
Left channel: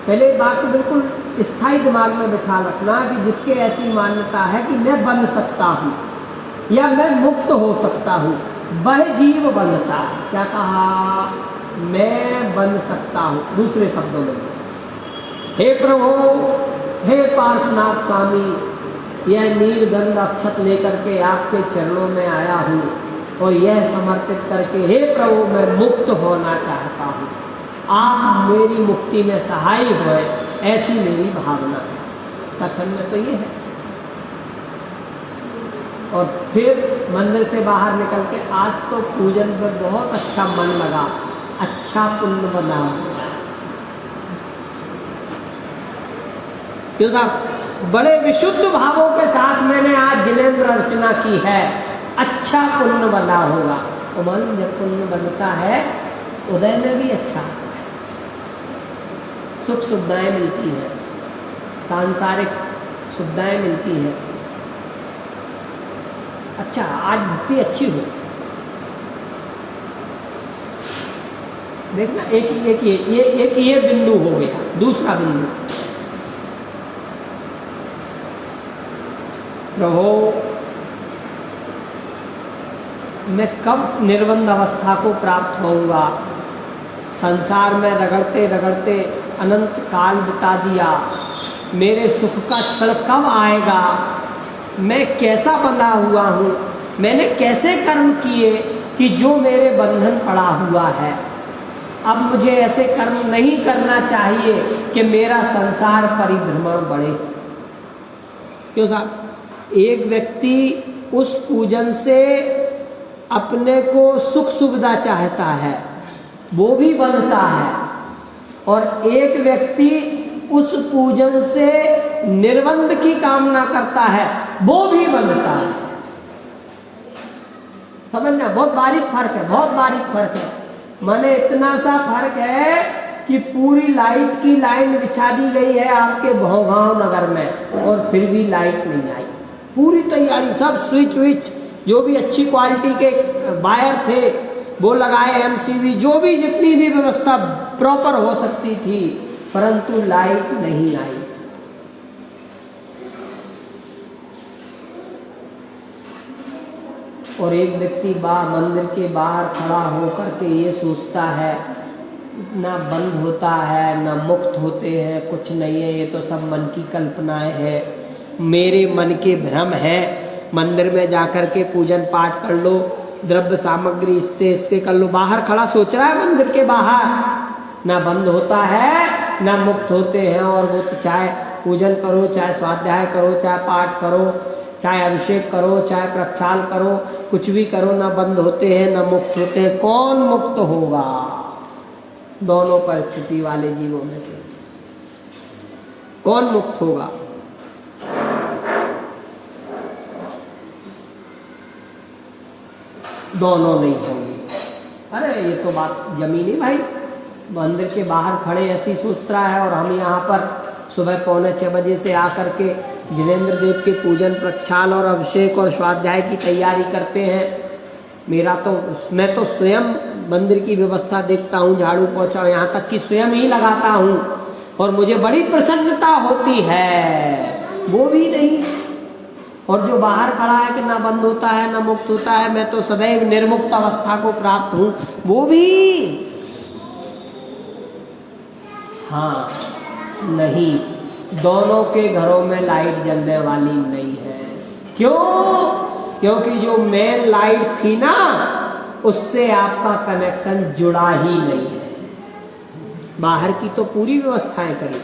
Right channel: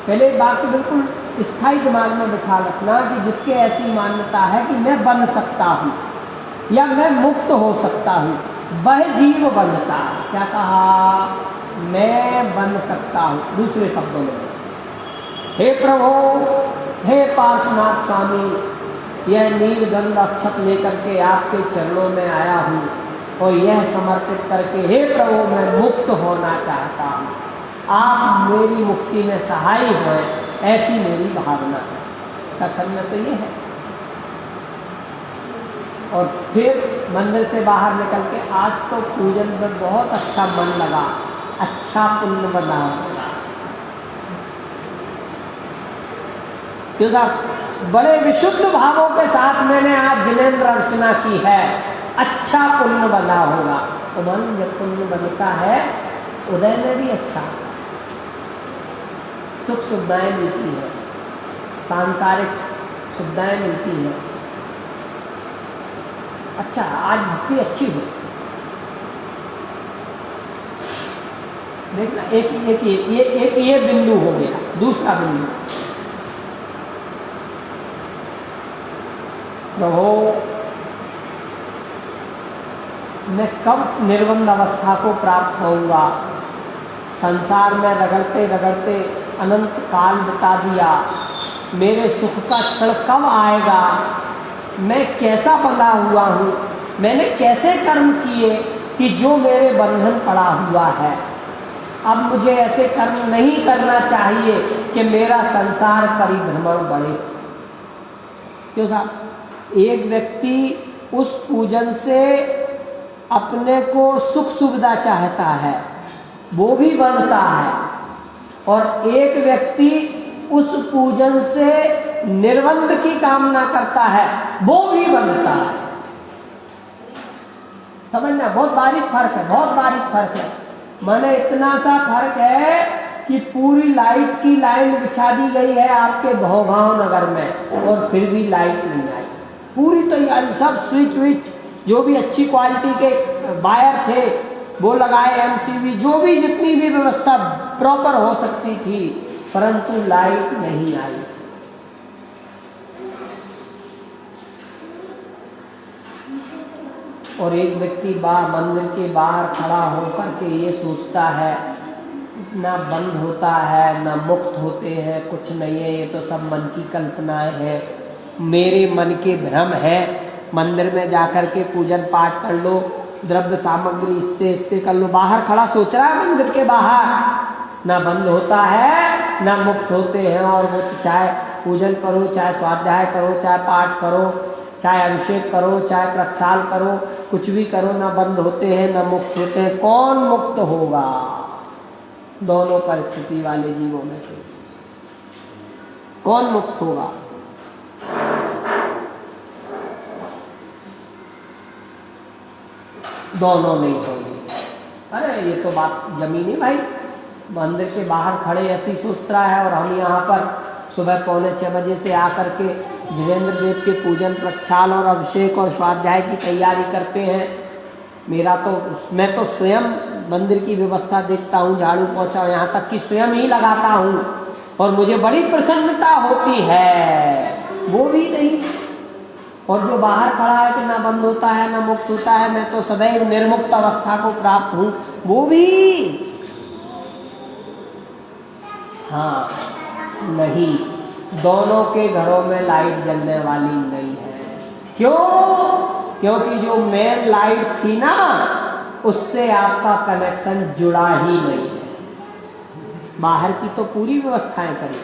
पहले बात तो बिल्कुल स्थायी दिमाग में बिठा रखना कि जिसके ऐसी मान्यता है कि मैं बन सकता हूँ या मैं मुक्त हो सकता हूँ, वह जीव बंधता है। क्या कहा? मैं बन सकता हूँ। दूसरे शब्दों में, हे प्रभु, हे पार्श्वनाथ स्वामी, यह नीलगंध अक्षत लेकर के आपके चरणों में आया हूँ और यह समर्पित करके, हे प्रभु, मैं मुक्त होना चाहता हूँ, आप मेरी मुक्ति में सहाय हो, ऐसी मेरी भावना है। कथन में तो ये है। और फिर मंदिर से बाहर निकल के, आज तो पूजन में बहुत अच्छा मन लगा, अच्छा पुण्य बना। क्यों साहब? बड़े विशुद्ध भावों के साथ मैंने आज जिनेंद्र अर्चना की है, अच्छा पुण्य बना होगा। तो मन जब पुण्य बनता है, उदय में भी अच्छा सुख सुविधाएं मिलती है, सांसारिक सुविधाएं मिलती है। अच्छा, आज भक्ति अच्छी हो। देखना, एक ये बिंदु हो गया। दूसरा बिंदु, प्रभु, मैं कब निर्बंध अवस्था को प्राप्त होऊंगा? संसार में रगड़ते रगड़ते अनंत काल बिता दिया, मेरे सुख का क्षण कब आएगा? मैं कैसा बंधा हुआ हूँ? मैंने कैसे कर्म किए कि जो मेरे बंधन पड़ा हुआ है? अब मुझे ऐसे कर्म नहीं करना चाहिए कि मेरा संसार परिभ्रमण बढ़े। क्यों साहब? एक व्यक्ति उस पूजन से अपने को सुख सुविधा चाहता है, वो भी बंधता है, और एक व्यक्ति उस पूजन से निर्बंध की कामना करता है, वो भी बंधता है। समझना, बहुत बारीक फर्क है, बहुत बारीक फर्क है। माने इतना सा फर्क है कि पूरी लाइट की लाइन बिछा दी गई है आपके घोंघांव नगर में, और फिर भी लाइट नहीं आई। पूरी तैयारी, सब स्विच विच, जो भी अच्छी क्वालिटी के वायर थे वो लगाए, एमसीबी, जो भी जितनी भी व्यवस्था प्रॉपर हो सकती थी, परंतु लाइट नहीं आई। और एक व्यक्ति मंदिर के बाहर खड़ा होकर के ये सोचता है, ना बंद होता है ना मुक्त होते हैं, कुछ नहीं है, ये तो सब मन की कल्पनाएं हैं, मेरे मन के भ्रम है। मंदिर में जाकर के पूजन पाठ कर लो, द्रव्य सामग्री इससे इसके कर लो। बाहर खड़ा सोच रहा है मंदिर के बाहर, ना बंद होता है ना मुक्त होते हैं। और वो चाहे पूजन करो, चाहे स्वाध्याय करो, चाहे पाठ करो, चाहे अभिषेक करो, चाहे प्रक्षाल करो, कुछ भी करो, ना बंद होते हैं ना मुक्त होते हैं। कौन मुक्त होगा? दोनों परिस्थिति वाले जीवों में से कौन मुक्त होगा? दोनों नहीं होंगे। अरे ये तो बात जमीनी भाई, मंदिर के बाहर खड़े ऐसी सोच रहा है, और हम यहाँ पर सुबह 5:45 बजे से आकर के जिनेंद्र देव के पूजन प्रक्षाल और अभिषेक और स्वाध्याय की तैयारी करते हैं। मैं तो स्वयं मंदिर की व्यवस्था देखता हूँ, झाड़ू पोछा, यहाँ तक कि स्वयं ही लगाता हूँ, और मुझे बड़ी प्रसन्नता होती है, वो भी नहीं। और जो बाहर खड़ा है कि ना बंद होता है ना मुक्त होता है, मैं तो सदैव निर्मुक्त अवस्था को प्राप्त हूं, वो भी हाँ नहीं। दोनों के घरों में लाइट जलने वाली नहीं है। क्यों? क्योंकि जो मेन लाइट थी ना, उससे आपका कनेक्शन जुड़ा ही नहीं है। बाहर की तो पूरी व्यवस्थाएं करी,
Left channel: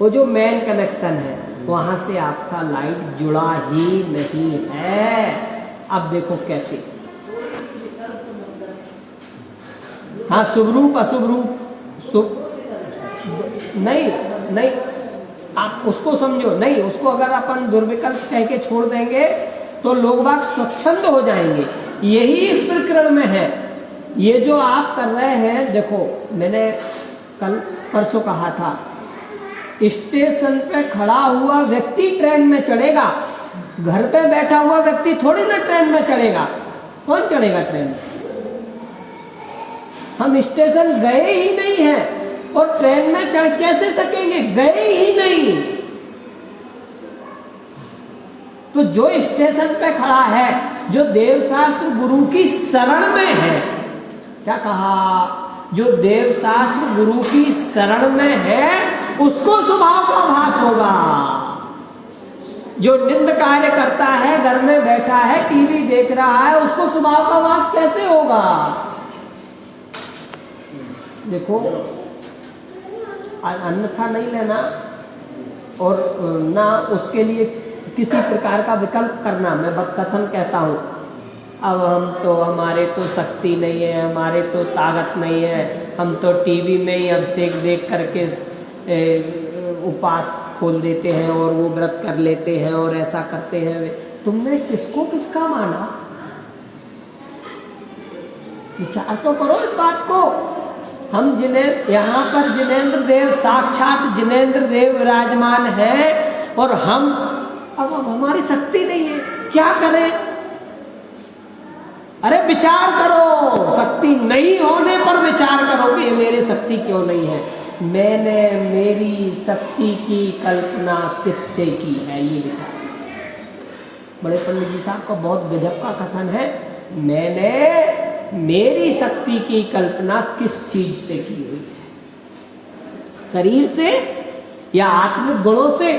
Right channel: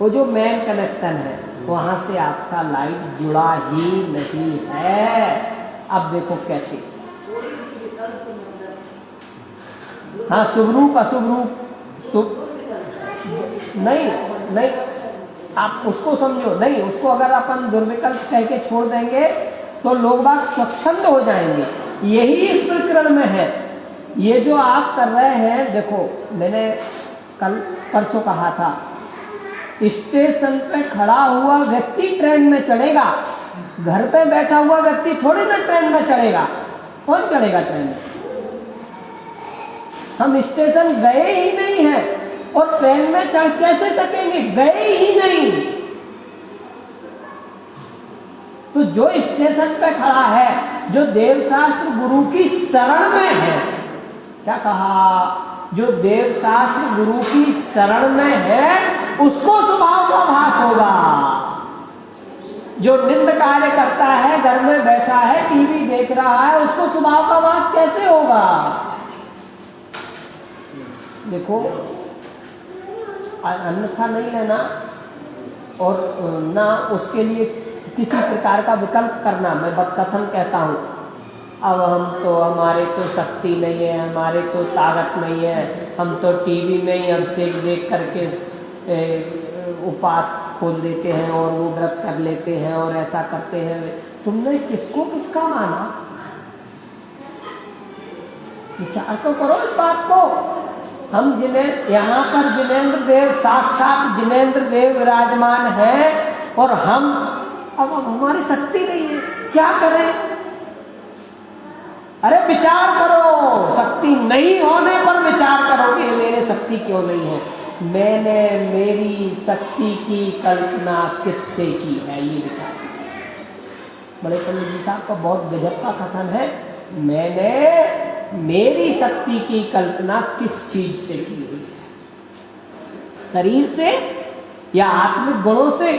वो जो मेन कनेक्शन है वहां से आपका लाइट जुड़ा ही नहीं है। अब देखो कैसे। हाँ, शुभ रूप अशुभ रूप, शुभ नहीं नहीं, आप उसको समझो नहीं। उसको अगर अपन दुर्विकल्प कह के छोड़ देंगे तो लोग बाग स्वच्छंद हो जाएंगे। यही इस प्रकरण में है। ये जो आप कर रहे हैं, देखो मैंने कल परसों कहा था, स्टेशन पे खड़ा हुआ व्यक्ति ट्रेन में चढ़ेगा, घर पे बैठा हुआ व्यक्ति थोड़ी ना ट्रेन में चढ़ेगा। कौन चढ़ेगा ट्रेन में? हम स्टेशन गए ही नहीं हैं और ट्रेन में चढ़ कैसे सकेंगे? गए ही नहीं। तो जो स्टेशन पे खड़ा है, जो देवशास्त्र गुरु की शरण में है, क्या कहा? जो देवशास्त्र गुरु की शरण में है उसको स्वभाव का भास होगा। जो निंद कार्य करता है, घर में बैठा है, टीवी देख रहा है, उसको स्वभाव का भास कैसे होगा? देखो, अन्यथा नहीं लेना और ना उसके लिए किसी प्रकार का विकल्प करना। मैं बदकथन कहता हूँ, अब हम तो, हमारे तो शक्ति नहीं है, हमारे तो ताकत नहीं है, हम तो टीवी में ही अभिषेक देख करके उपास खोल देते हैं और वो व्रत कर लेते हैं और ऐसा करते हैं। तुमने किसको किसका माना? विचार तो करो इस बात को। हम जिन्हें यहाँ पर जिनेंद्र देव, साक्षात जिनेंद्र देव विराजमान है और हम अब हमारी शक्ति नहीं है, क्या करें? अरे विचार करो, शक्ति नहीं होने पर विचार करो कि मेरे शक्ति क्यों नहीं है। मैंने मेरी शक्ति की कल्पना किससे की है, ये विचार। बड़े पंडित जी साहब का बहुत गजब का कथन है, मैंने मेरी शक्ति की कल्पना किस चीज से की हुई? शरीर से या आत्मिक गुणों से?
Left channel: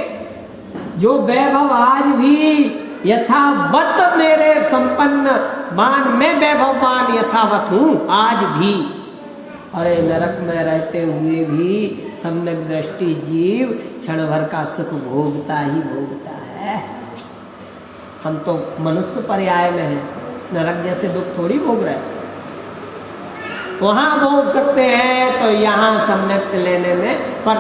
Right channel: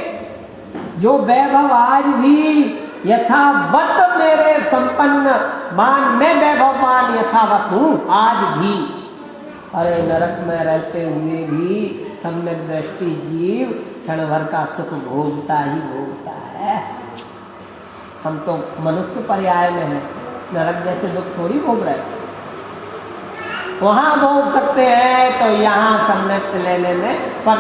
जो वैभव आज भी यथावत मेरे संपन्न मान, मैं वैभवमान यथावत हूं आज भी। अरे नरक में रहते हुए भी सम्यक दृष्टि जीव क्षण भर का सुख भोगता ही भोगता है। हम तो मनुष्य पर्याय में हैं, नरक जैसे दुख थोड़ी भोग रहे हैं। वहां भोग सकते हैं तो यहाँ सम्यक लेने में, पर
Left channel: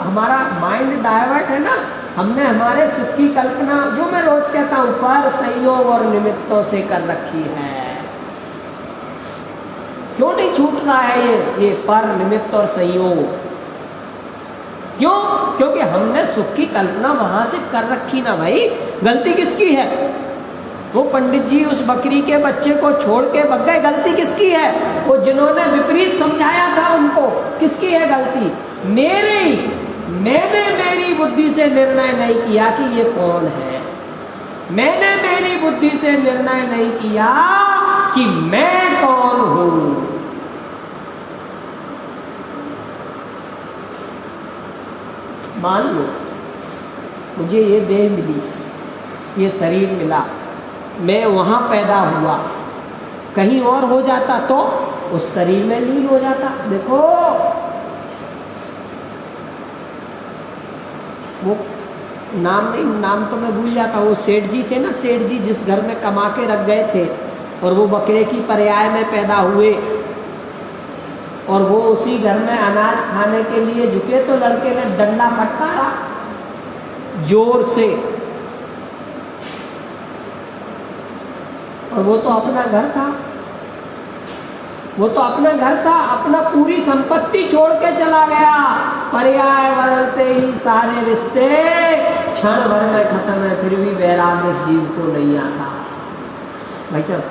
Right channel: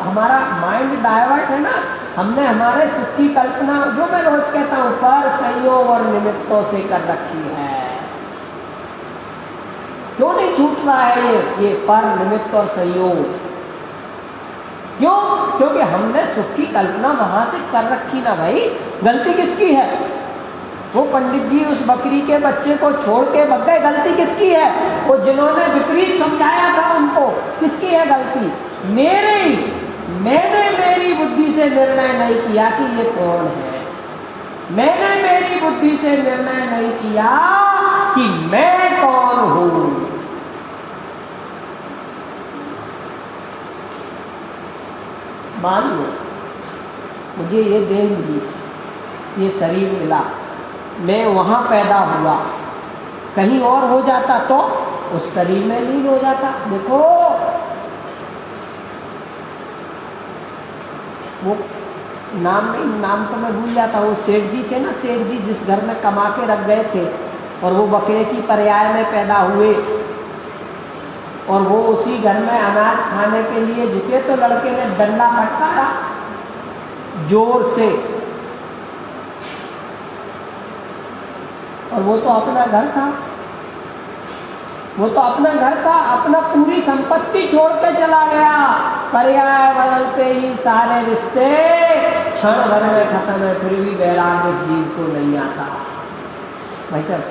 हमारा माइंड डाइवर्ट है ना। हमने हमारे सुख की कल्पना, जो मैं रोज कहता हूं, पर संयोग और निमित्तों से कर रखी है। क्यों नहीं छूट रहा है ये पर, निमित्त और संयोग? क्यों? क्योंकि हमने सुख की कल्पना वहां से कर रखी ना भाई। गलती किसकी है? वो पंडित जी उस बकरी के बच्चे को छोड़ के भग गए, गलती किसकी है? वो जिन्होंने विपरीत समझाया था उनको, किसकी है गलती? मेरी। मैंने मेरी बुद्धि से निर्णय नहीं किया कि ये कौन है। मैंने मेरी बुद्धि से निर्णय नहीं किया कि मैं कौन हूं। मान लो मुझे ये देह मिली, ये शरीर मिला, मैं वहां पैदा हुआ, कहीं और हो जाता तो उस शरीर में लीन हो जाता। देखो वो नाम तो मैं भूल जाता हूँ। वो सेठ जी थे ना, सेठ जी जिस घर में कमा के रख गए थे और वो बकरे की पर्याय में पैदा हुए और वो उसी घर में अनाज खाने के लिए झुके तो लड़के ने डंडा फटकारा जोर से, और वो तो अपना घर था, वो तो अपना घर था, अपना पूरी संपत्ति छोड़ के चला गया। पर्याय बदलते ही सारे रिश्ते क्षण भर में खत्म है, फिर भी वैराग्य इस जीव को नहीं आता। भाई साहब,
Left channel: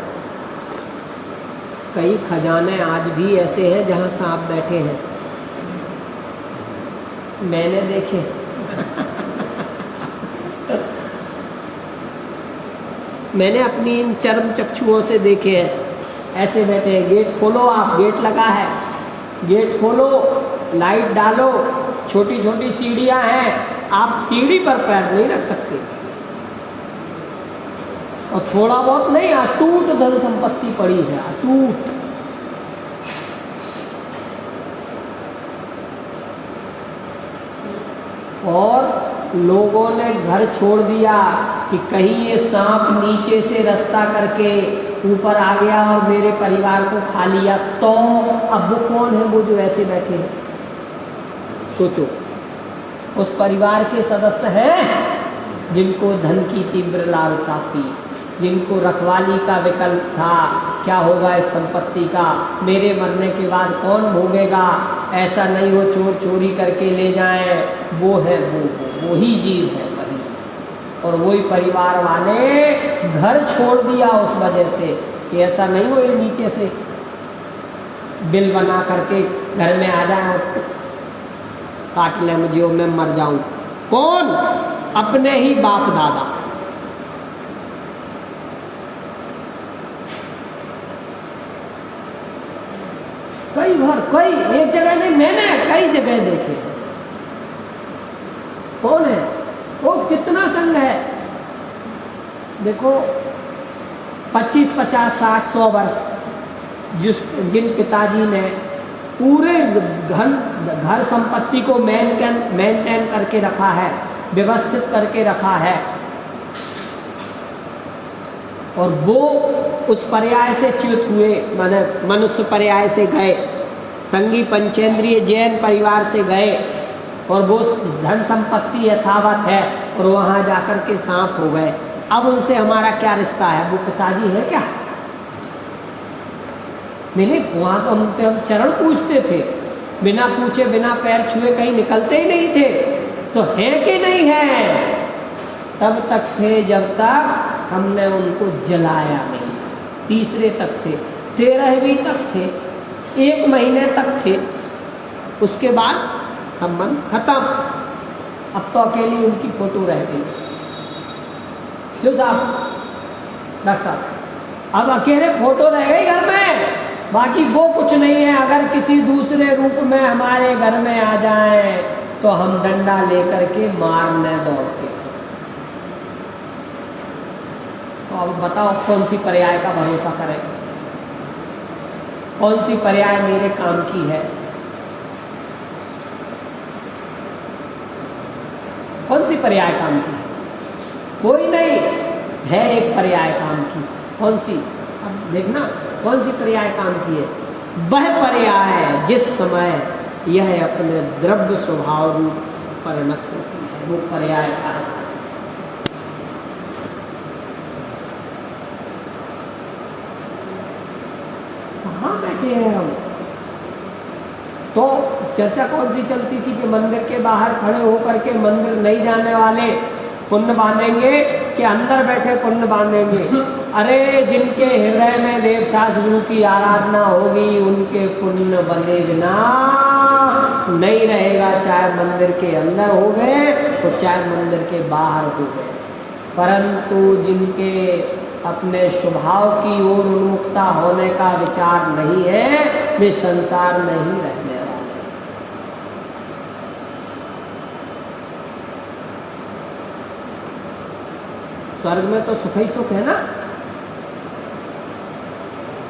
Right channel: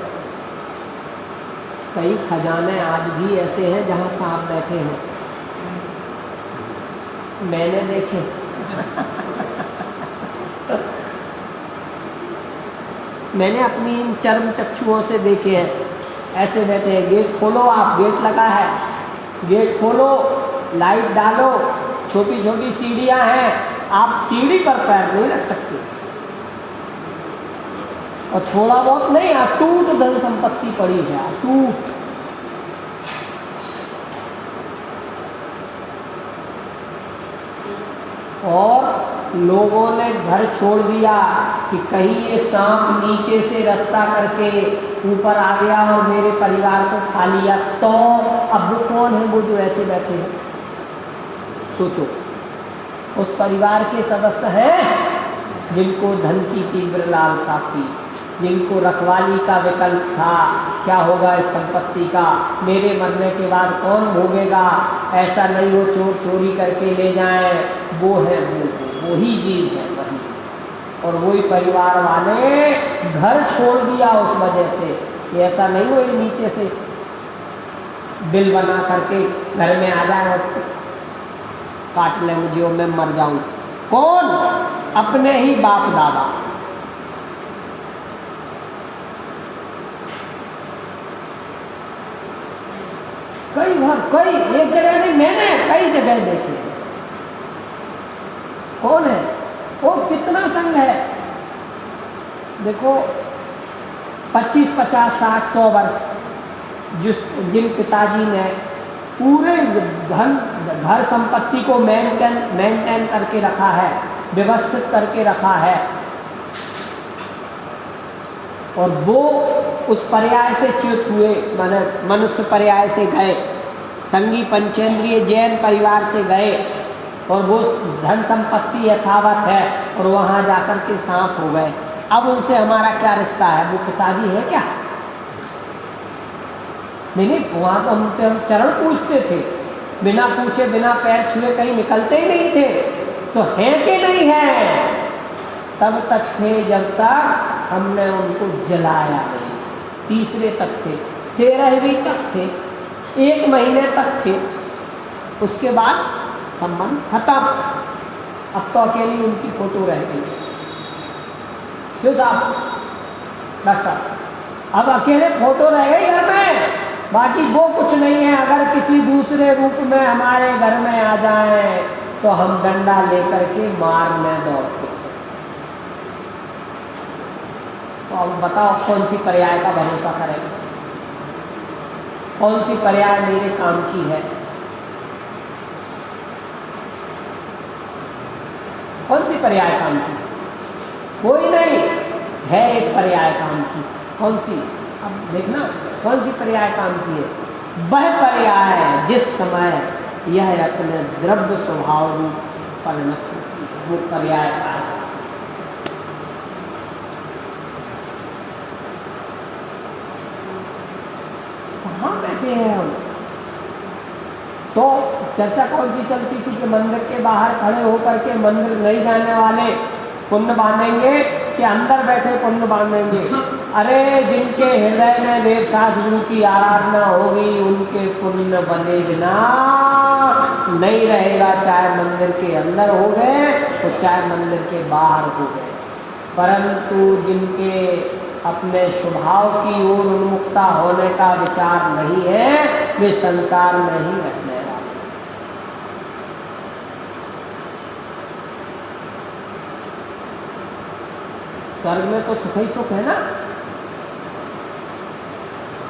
कई खजाने आज भी ऐसे हैं जहां सांप बैठे हैं। मैंने देखे मैंने अपनी इन चर्म चक्षुओं से देखे हैं। ऐसे बैठे हैं, गेट खोलो, आप गेट लगा है, गेट खोलो, लाइट डालो, छोटी छोटी सीढ़ियां हैं, आप सीढ़ी पर पैर नहीं रख सकते। और थोड़ा बहुत नहीं, अटूट धन संपत्ति पड़ी है, अटूट। और लोगों ने घर छोड़ दिया कि कहीं ये सांप नीचे से रास्ता करके ऊपर आ गया और मेरे परिवार को खा लिया, तो अब वो कौन है वो जो ऐसे बैठे हैं? सोचो, उस परिवार के सदस्य हैं जिनको धन की तीव्र लालसा थी, जिनको रखवाली का विकल्प था, क्या होगा इस संपत्ति का, मेरे मरने के बाद कौन भोगेगा, ऐसा नहीं हो चोर चोरी करके ले जाएं। वो है वो ही जीव है वही। और वही परिवार वाले घर छोड़ दिया उस वजह से कि ऐसा नहीं हो ये नीचे से बिल बना करके घर में आ जाए और काट ले मुझे और मैं मर जाऊं। कौन? अपने ही बाप दादा। कई एक जगह नहीं, मैंने कई जगह देखे। कौन है वो? कितना संग है देखो, 25, 50, 60, 100 वर्ष जिन पिताजी ने पूरे घर संपत्ति को मेंटेन करके रखा है, व्यवस्थित करके रखा है, और वो उस पर्याय से च्युत हुए, माने मनुष्य पर्याय से गए, संगी पंचेंद्रिय जैन परिवार से गए, और वो धन संपत्ति यथावत है और वहां जाकर के सांप हो गए। अब उनसे हमारा क्या रिश्ता है? वो पिताजी है क्या? नहीं, वहां तो हम चरण पूछते थे, बिना पूछे बिना पैर छुए कहीं निकलते ही नहीं थे। तो है कि नहीं है? तब तक थे जब तक हमने उनको जलाया नहीं। तीसरे तक थे, 13वीं तक थे, 1 महीने तक थे, उसके बाद संबंध खत्म। अब तो अकेली उनकी फोटो रह गई। क्यों साहब? बस अब अकेले फोटो रह गई घर में, बाकी वो कुछ नहीं है। अगर किसी दूसरे रूप में हमारे घर में आ जाए तो हम डंडा लेकर के मारने दौड़ते। तो अब बताओ कौन सी पर्याय का भरोसा करें? कौन सी पर्याय मेरे काम की है? कौन सी पर्याय काम की? कोई नहीं है। एक पर्याय काम की। कौन सी? अब देखना कौन सी पर्याय काम की है। वह पर्याय जिस समय यह अपने द्रव्य स्वभाव रूप परिणत होती है, वो पर्याय का है। कहाँ बैठे हैं हम? तो चर्चा कौन सी चलती थी कि मंदिर के बाहर खड़े होकर के मंदिर नहीं जाने वाले पुण्य बांधेंगे कि अंदर बैठे पुण्य बांधेंगे। अरे जिनके हृदय में देवदास गुरु की आराधना होगी उनके पुण्य बने बिना नहीं रहेगा, चाहे मंदिर के अंदर हो गए तो चाहे मंदिर के बाहर हो गए। परंतु जिनके अपने स्वभाव की ओर उन्मुखता होने का विचार नहीं है, वे संसार में ही रहने वाले। स्वर्ग में तो सुख ही सुख है ना,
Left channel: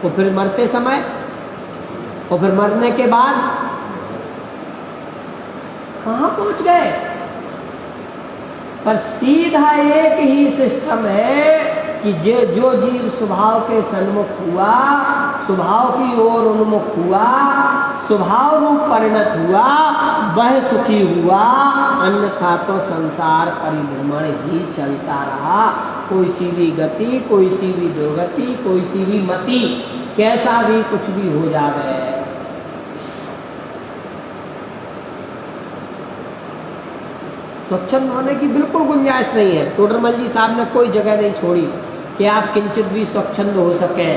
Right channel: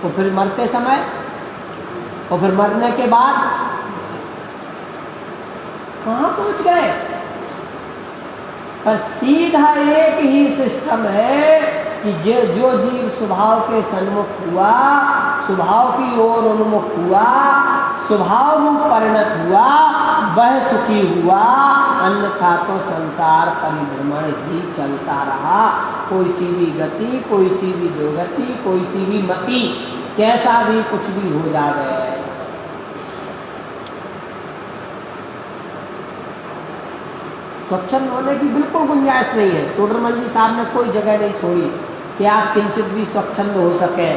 तो फिर मरते समय और फिर मरने के बाद कहाँ पहुंच गए? पर सीधा एक ही सिस्टम है कि जो जीव स्वभाव के सन्मुख हुआ, स्वभाव की ओर उन्मुख हुआ, स्वभाव रूप परिणत हुआ, वह सुखी हुआ, अन्यथा तो संसार परिभ्रमण ही चलता रहा। कोई सी भी गति, कोई सी भी दुर्गति, कोई सी भी मति, कैसा भी कुछ भी हो जावे। स्वच्छंद होने की बिल्कुल गुंजाइश नहीं है। टोडरमल जी साहब ने कोई जगह नहीं छोड़ी कि आप किंचित भी स्वच्छंद हो सके।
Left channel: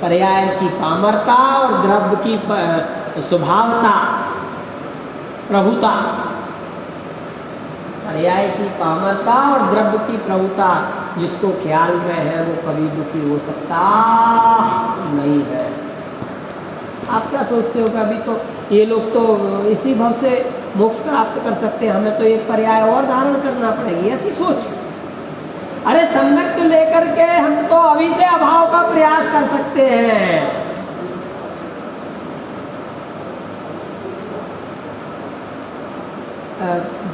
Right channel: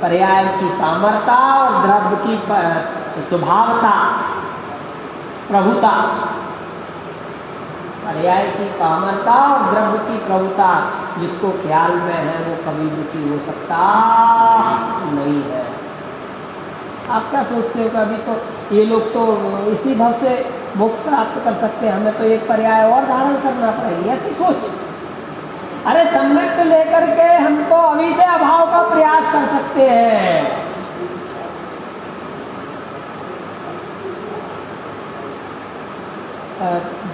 पर्याय की पामरता और द्रव्य की स्वभावता प्रभुता, पर्याय की पामरता और द्रव्य की प्रभुता जिसको ख्याल में है वो कभी दुखी हो सकता नहीं है। आप क्या सोचते हो कि अभी तो ये लोग तो इसी भाव से मोक्ष प्राप्त कर सकते हैं, हमें तो एक पर्याय और धारण करना पड़ेगी, ऐसी सोच। अरे सम्यक लेकर के हम तो अभी से अभाव का प्रयास कर सकते हैं।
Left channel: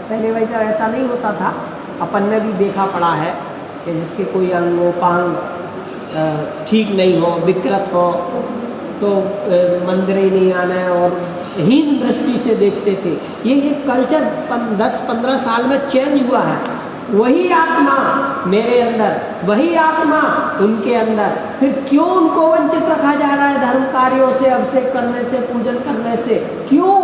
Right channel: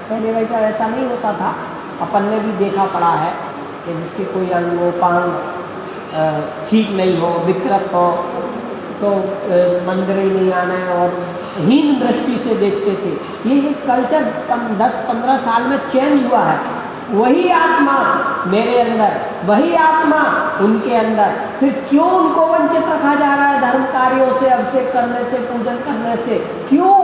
पहले वैसा ऐसा नहीं होता था, अपन ने भी देखा पड़ा है कि जिसके कोई अंगोपांग ठीक नहीं हो, विकृत हो, तो मंदिर ही नहीं आना है और हीन दृष्टि से देखते थे। ये एक कल्चर 10-15 साल में चेंज हुआ है। वही आत्मा मेरे अंदर, वही आत्मा उनके अंदर, फिर क्यों उनको वंचित रखा जा रहा है धर्म कार्यों से, अभिषेक करने से, पूजन करने से? क्यों?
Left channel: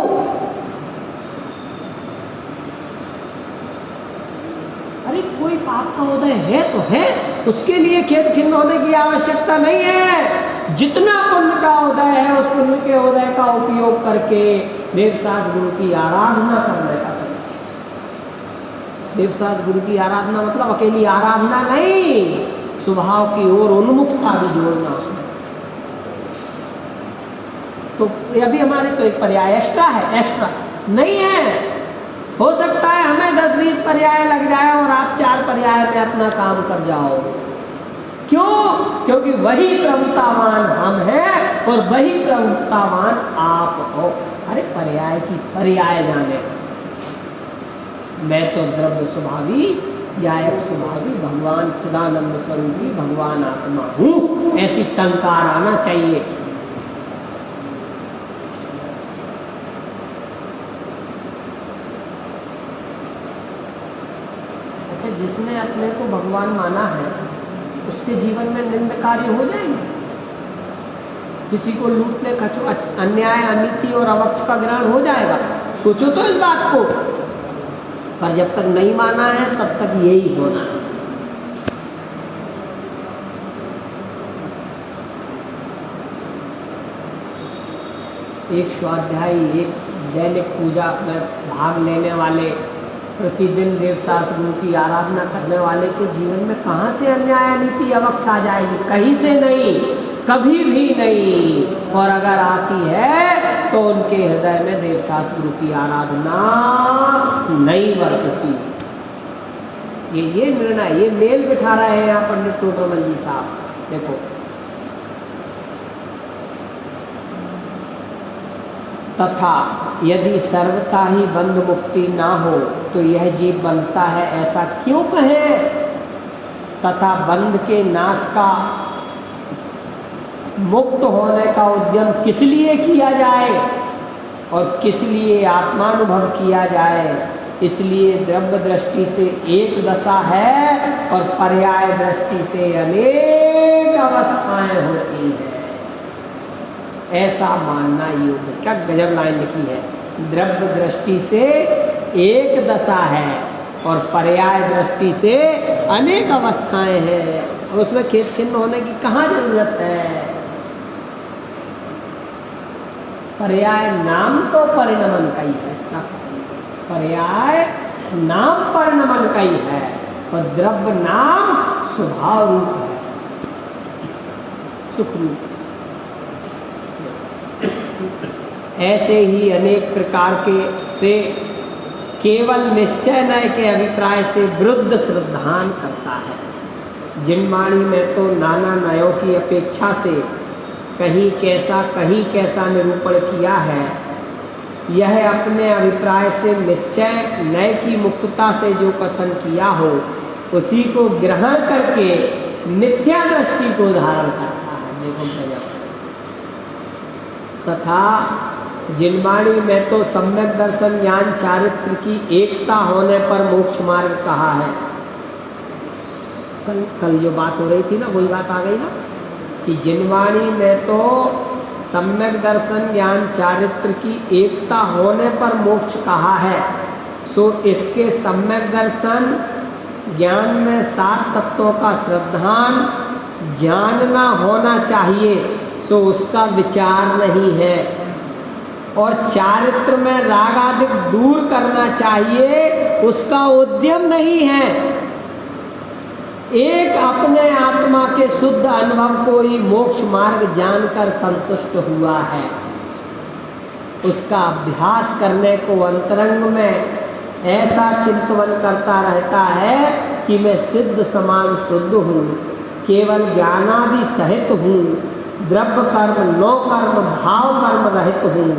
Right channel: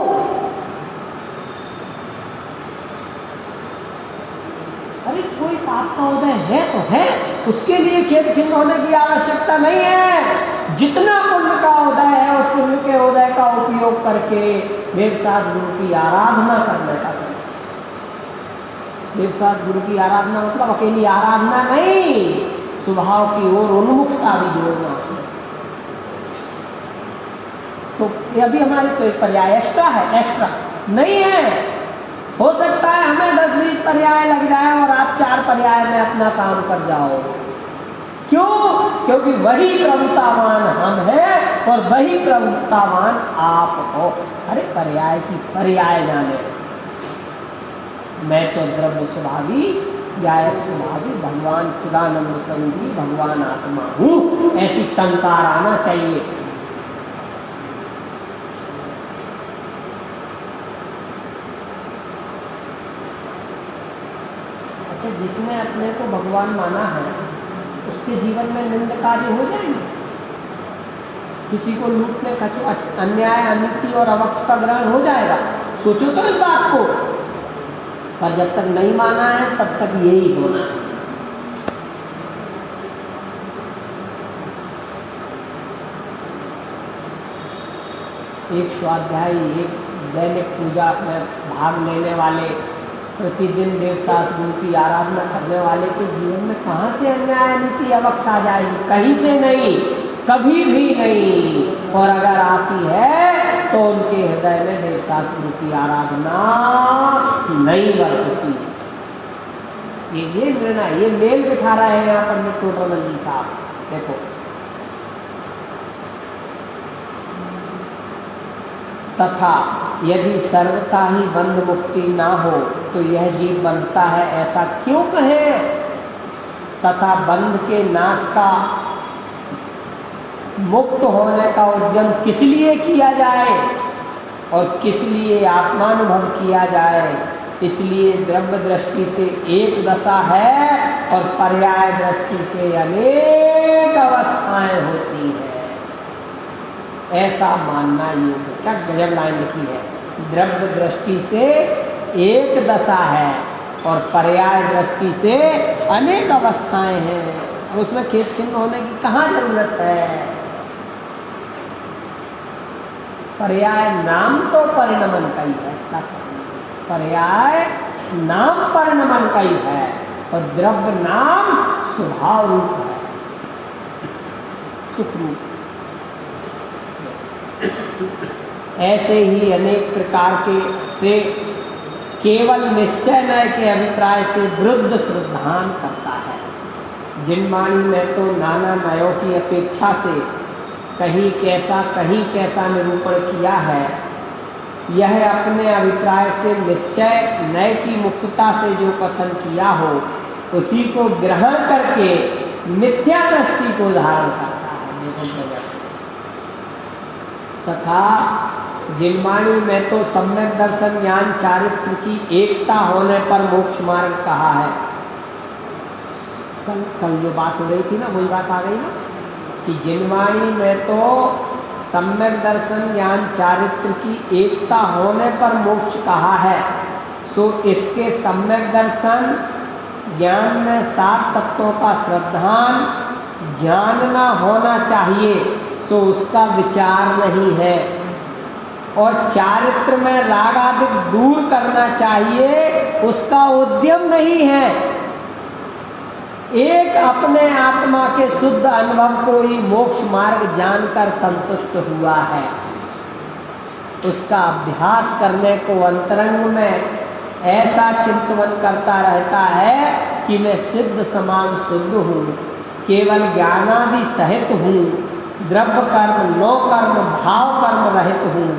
अरे कोई पाप का उदय है तो है, उसके लिए खेद खिन्न होने की आवश्यकता नहीं है। जितना पुण्य का उदय है उस पुण्य के उदय का उपयोग करके देवसास गुरु की आराधना करने का समय। देवसास गुरु की आराधना मतलब अकेली आराधना नहीं, स्वभाव की ओर उन्मुखता भी जोड़ना उसमें। तो यह भी हमारी तो एक पर्याय एक्स्ट्रा है, एक्स्ट्रा नहीं है। हो सकता है हमें 10-20 पर्याय लग जाए और आप 4 पर्याय में अपना काम कर जाओ। क्यों? क्योंकि वही प्रभुतावान हम हैं और वही प्रभुतावान आप हो। अरे पर्याय की पर्याय जाने, मैं तो द्रव्य स्वभावी, व्यायक स्वभावी, भगवान चिदानंद स्वरूपी भगवान आत्मा हूँ, ऐसी टंकार आना चाहिए। अच्छा, जिसने अपने को भगवान माना है उसके जीवन में निंद कार्य हो जाएंगे। किसी को लूटने का अन्याय, अनीति और अवक्ष का ग्रहण हो जाएगा। सोचो तो इस बात को। पर जब तक नहीं माना है तब तक यही होना है। एक स्वाध्यायी, एक दैनिक पूजा में भाग लेने वाले, प्रतिदिन देवसास गुरु की आराधना करने वाले के जीवन में कहाँ से अन्याय, अनीति, अवक्ष आ जाएगी? कहीं से नहीं, कभी भी नहीं। और अगर आती है तो उनके हृदय में देवसास गुरु की आराधना नहीं बरतती। ये निर्णय, ये मेल बिठा रहे हैं यहाँ पंडित टोडरमल जी साहब। देखो, तथा यदि सर्वथा ही बंध मुक्ति ना हो तो यह जीव बंधता है, ऐसा क्यों कहे? तथा बंध के नाश का, मुक्त होने का उद्यम किस लिए किया जाए और किस लिए आत्मानुभव किया जाए? इसलिए द्रव्य दृष्टि से एक दशा है और पर्याय दृष्टि से अनेक अवस्थाएं होती है, ऐसा मानना योग्य। क्या गजब लाइन लिखी है। द्रव्य दृष्टि से एक दशा है और पर्याय दृष्टि से अनेक अवस्थाएं हैं। उसमें खेद खिन्न होने की कहाँ जरूरत है? पर्याय नाम तो परिणमन का ही है, पर्याय नाम परिणमन का ही है और द्रव्य नाम स्वभाव रूप है, सुख रूप। ऐसे ही अनेक प्रकार के से केवल निश्चय नय के अभिप्राय से विरुद्ध श्रद्धान करता है। जिनवाणी में तो नाना नयों की अपेक्षा से कहीं कैसा निरूपण किया है। यह अपने अभिप्राय से निश्चय नय की मुक्तता से जो कथन किया हो उसी को ग्रहण करके मिथ्या दृष्टि को धारण करता है। देखो, तथा जिनवाणी में तो सम्यक दर्शन ज्ञान चारित्र की एकता होने पर मोक्ष मार्ग कहा है। कल जो बात हो रही थी ना, वही बात आ गई ना कि जिनवाणी में तो सम्यक दर्शन ज्ञान चारित्र की एकता होने पर मोक्ष कहा है। सो इसके सम्यक दर्शन ज्ञान में 7 तत्वों का श्रद्धान जानना होना चाहिए। सो उसका विचार नहीं है। और चारित्र में राग आदि दूर करना चाहिए, उसका उद्यम नहीं है। एक अपने आत्मा के शुद्ध अनुभव को ही मोक्ष मार्ग जानकर संतुष्ट हुआ है, उसका अभ्यास करने को अंतरंग में ऐसा चिंतन करता रहता है कि मैं सिद्ध समान शुद्ध हूँ, केवल ज्ञानादि सहित हूँ, द्रव्य कर्म नो कर्म भाव कर्म रहित हूँ,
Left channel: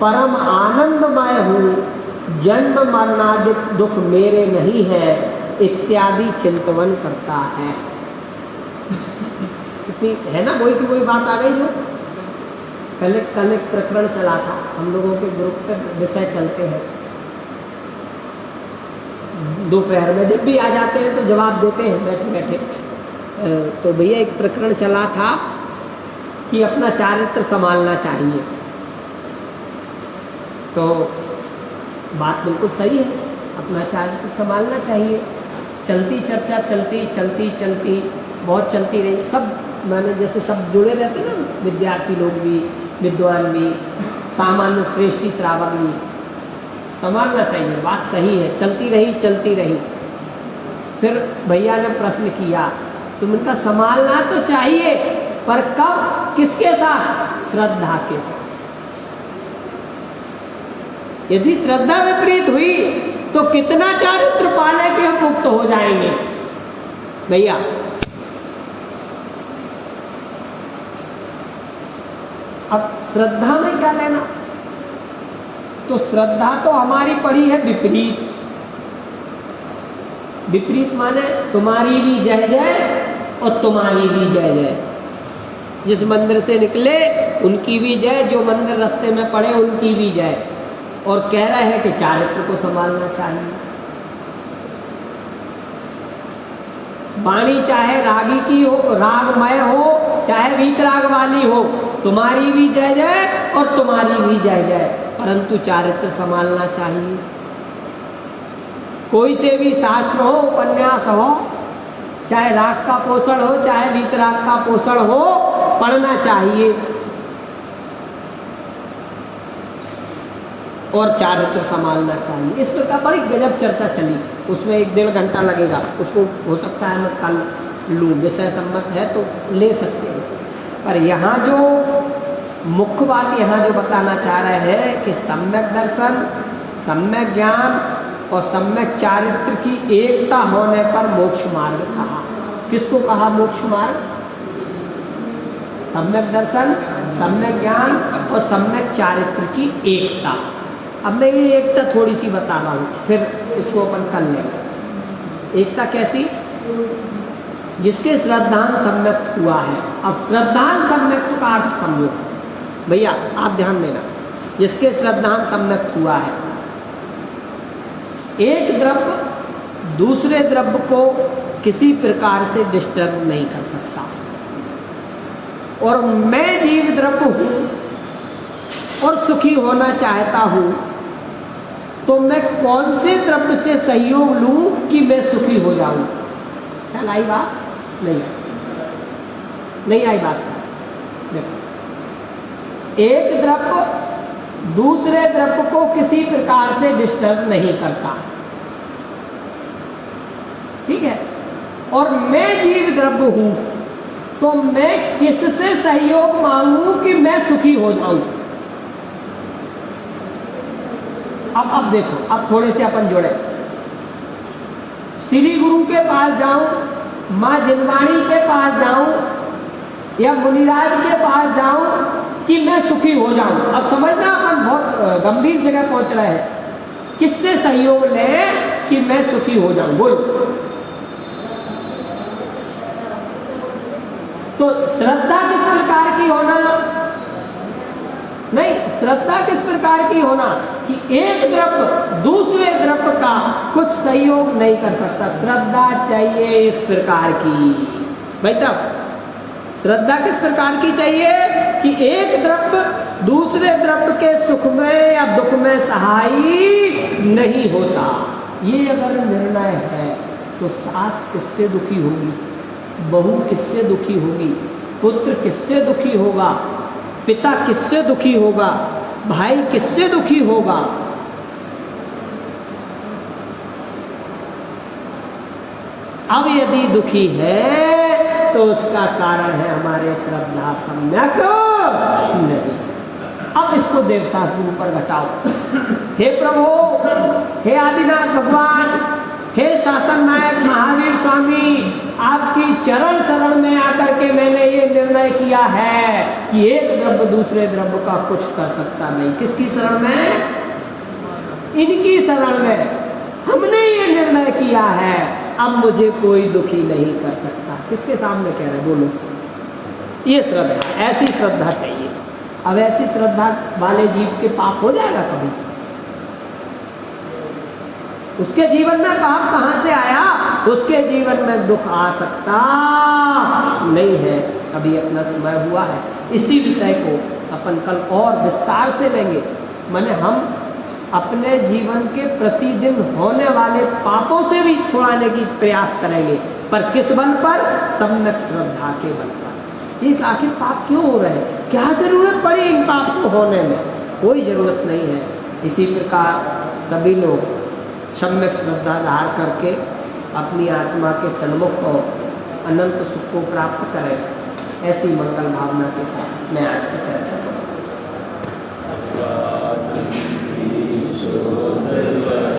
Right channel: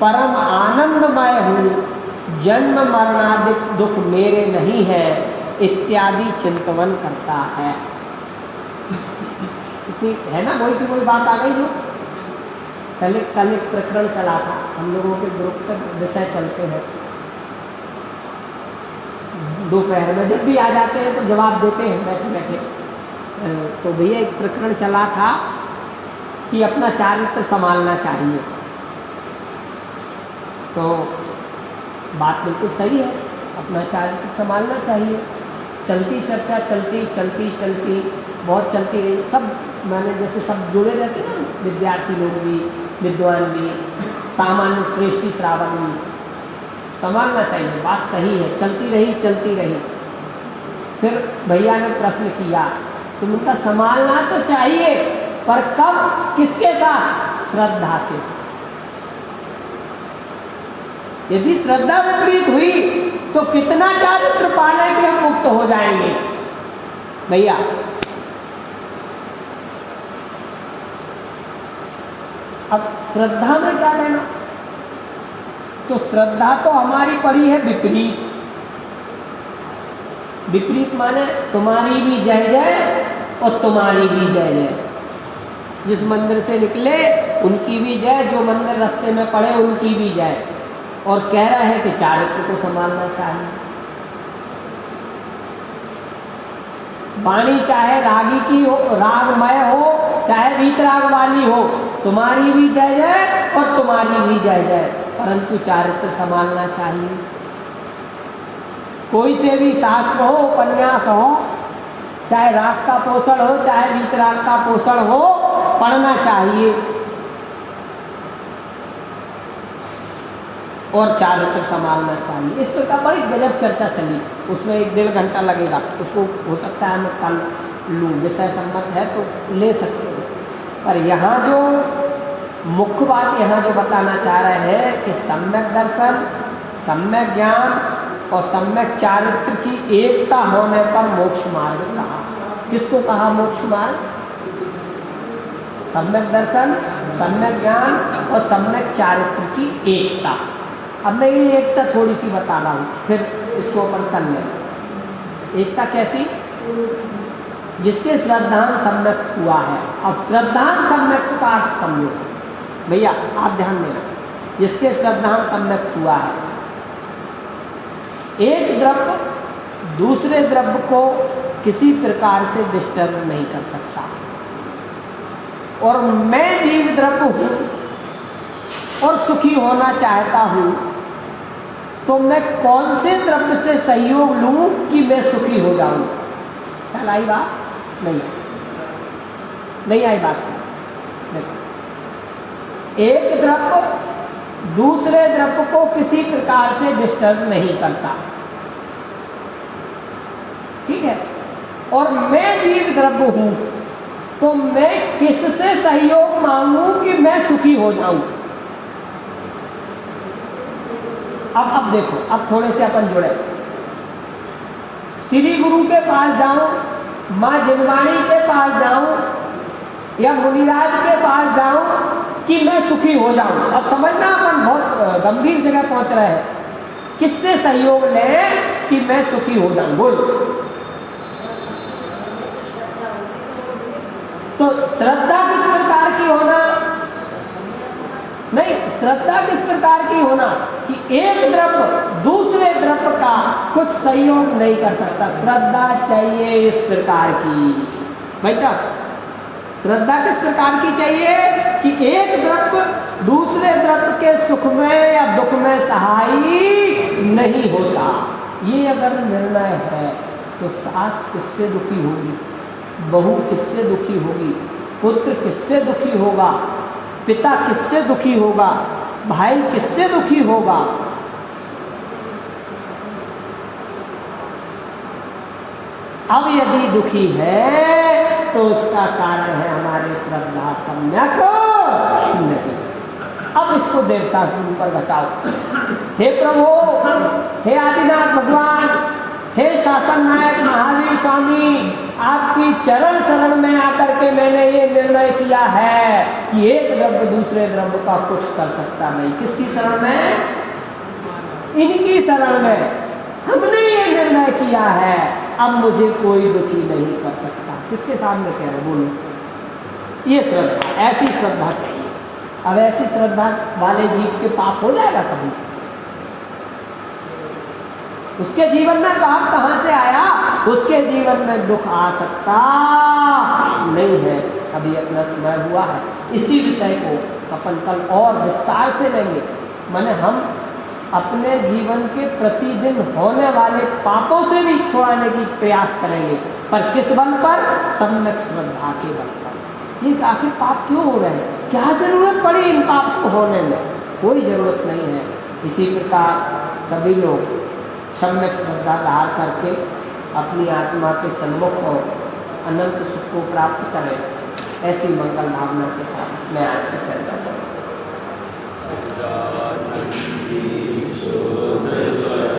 परम आनंदमय हूँ, जन्म मरणादि दुख मेरे नहीं है इत्यादि चिंतन करता है। है ना, वही की वही बात आ गई जो कल एक प्रकरण चला था, हम लोगों के ग्रुप पे विषय चलते हैं दोपहर में, जब भी आ जाते हैं तो जवाब देते हैं बैठे बैठे। तो भैया एक प्रकरण चला था कि अपना चारित्र संभालना चाहिए, तो बात बिल्कुल सही है, अपना चारित्र संभालना चाहिए। चलती चर्चा चलती बहुत चलती रही, सब मैंने जैसे सब जुड़े रहते हैं ना, विद्यार्थी लोग भी, विद्वान भी, सामान्य श्रेष्ठी श्रावक भी, संभालना चाहिए, बात सही है। चलती रही। फिर भैया ने प्रश्न किया, तुम उनका संभालना तो चाहिए, पर कब, किसके साथ? श्रद्धा के साथ। यदि श्रद्धा विपरीत हुई तो कितना चारित्र पाले कि हम मुक्त हो जाएंगे भैया? अब श्रद्धा में क्या लेना? तो श्रद्धा तो हमारी पड़ी है विपरीत। विपरीत माने तुम्हारी भी जय जय और तुम्हारी भी जय जय। जिस मंदिर से निकले उनकी भी जय, जो मंदिर रास्ते में पड़े उनकी भी जय। और कह रहे हैं कि चारित्र को संभालना चाहिए। वाणी चाहे रागी की हो, रागमय हो, चाहे वीतराग वाली हो, तुम्हारी भी जय जय और तुम्हारी भी जय जय, परंतु चारित्र संभालना चाहिए। कोई से भी शास्त्र हो, उपन्यास हो, चाहे राग का पोषण हो, चाहे वीतराग का पोषण हो, पढ़ना चाहिए और चारित्र संभालना चाहिए। इस प्रकार बड़ी गजब चर्चा चली, उसमें 1-1.5 घंटा लगेगा। उसको हो सकता है मैं कल लूँ, विषय सम्मत है तो ले सकते हैं। पर यहाँ जो मुख्य बात यहाँ जो बताना चाह रहे हैं कि सम्यक दर्शन, सम्यक ज्ञान और सम्यक चारित्र की एकता होने पर मोक्ष मार्ग कहा। किसको कहा मोक्ष मार्ग? सम्यक दर्शन, सम्यक ज्ञान और सम्यक चारित्र की एकता। अब मैं ये एकता थोड़ी सी बता रहा हूँ, फिर इसको अपन कर लें। एकता कैसी? जिसके श्रद्धान सम्यक हुआ है। अब श्रद्धान सम्यक का अर्थ समझो भैया, आप ध्यान देना। जिसके श्रद्धान सम्यक हुआ है, एक द्रव्य दूसरे द्रव्य को किसी प्रकार से डिस्टर्ब नहीं कर सकता। और मैं जीव द्रव्य हूँ और सुखी होना चाहता हूँ, तो मैं कौन से द्रव्य से सहयोग लूँ कि मैं सुखी हो जाऊँ? क्या आई बात? नहीं आई बात। देखो, एक द्रव्य दूसरे द्रव्य को किसी प्रकार से डिस्टर्ब नहीं करता, ठीक है? और मैं जीव द्रव्य हूं, तो मैं किससे सहयोग मांगूं कि मैं सुखी हो जाऊं? अब देखो, अब थोड़े से अपन जुड़े। श्री गुरु के पास जाऊं, माँ जिनवाणी के पास जाऊं या मुनिराज के पास जाऊं कि मैं सुखी हो जाऊं? अब समझना, अपन बहुत गंभीर जगह पहुंच रहे हैं। किससे सहयोग लें कि मैं सुखी हो जाऊं? बोल। तो श्रद्धा किस प्रकार की होना? नहीं, श्रद्धा किस प्रकार की होना कि एक द्रव्य दूसरे द्रव्य का कुछ सहयोग नहीं कर सकता। श्रद्धा चाहिए इस प्रकार की। भाई साहब, श्रद्धा किस प्रकार की चाहिए कि एक द्रव्य दूसरे द्रव्य के सुख में या दुख में सहायी नहीं होता। ये अगर निर्णय है तो सास किससे दुखी होगी, बहू किससे दुखी होगी, पुत्र किससे दुखी होगा, पिता किससे दुखी होगा, भाई किससे दुखी होगा? अब यदि दुखी है तो उसका कारण है हमारे श्रद्धा सम्यक नहीं। अब इसको देव शास्त्र पर घटाओ। हे प्रभु, हे आदिनाथ भगवान, हे शासन नायक महावीर स्वामी, आपकी चरण शरण में आकर के मैंने ये निर्णय किया है कि एक द्रव्य दूसरे द्रव्य का कुछ कर सकता नहीं। किसकी शरण में? इनकी शरण में हमने ये निर्णय किया है, अब मुझे कोई दुखी नहीं कर सकता। किसके सामने कह रहे? बोलो। ये श्रद्धा, ऐसी श्रद्धा चाहिए। अब ऐसी श्रद्धा वाले जीव के पाप हो जाएगा कभी? उसके जीवन में पाप कहां से आया? उसके जीवन में दुख आ सकता नहीं है। अभी अपना समय हुआ है, इसी विषय को अपन कल और विस्तार से लेंगे। माने हम अपने जीवन के प्रतिदिन होने वाले पापों से भी छुड़ाने की प्रयास करेंगे, पर किस बल पर? सम्यक श्रद्धा के बल पर। ये आखिर पाप क्यों हो रहे हैं? क्या जरूरत पड़ी इन पाप को होने में? कोई जरूरत नहीं है। इसी प्रकार सभी लोग सम्यक श्रद्धा धार करके अपनी आत्मा के सन्मुख और अनंत सुख को प्राप्त करें। ऐसी मंगल भावना के साथ मैं आज का चर्चा समाप्त।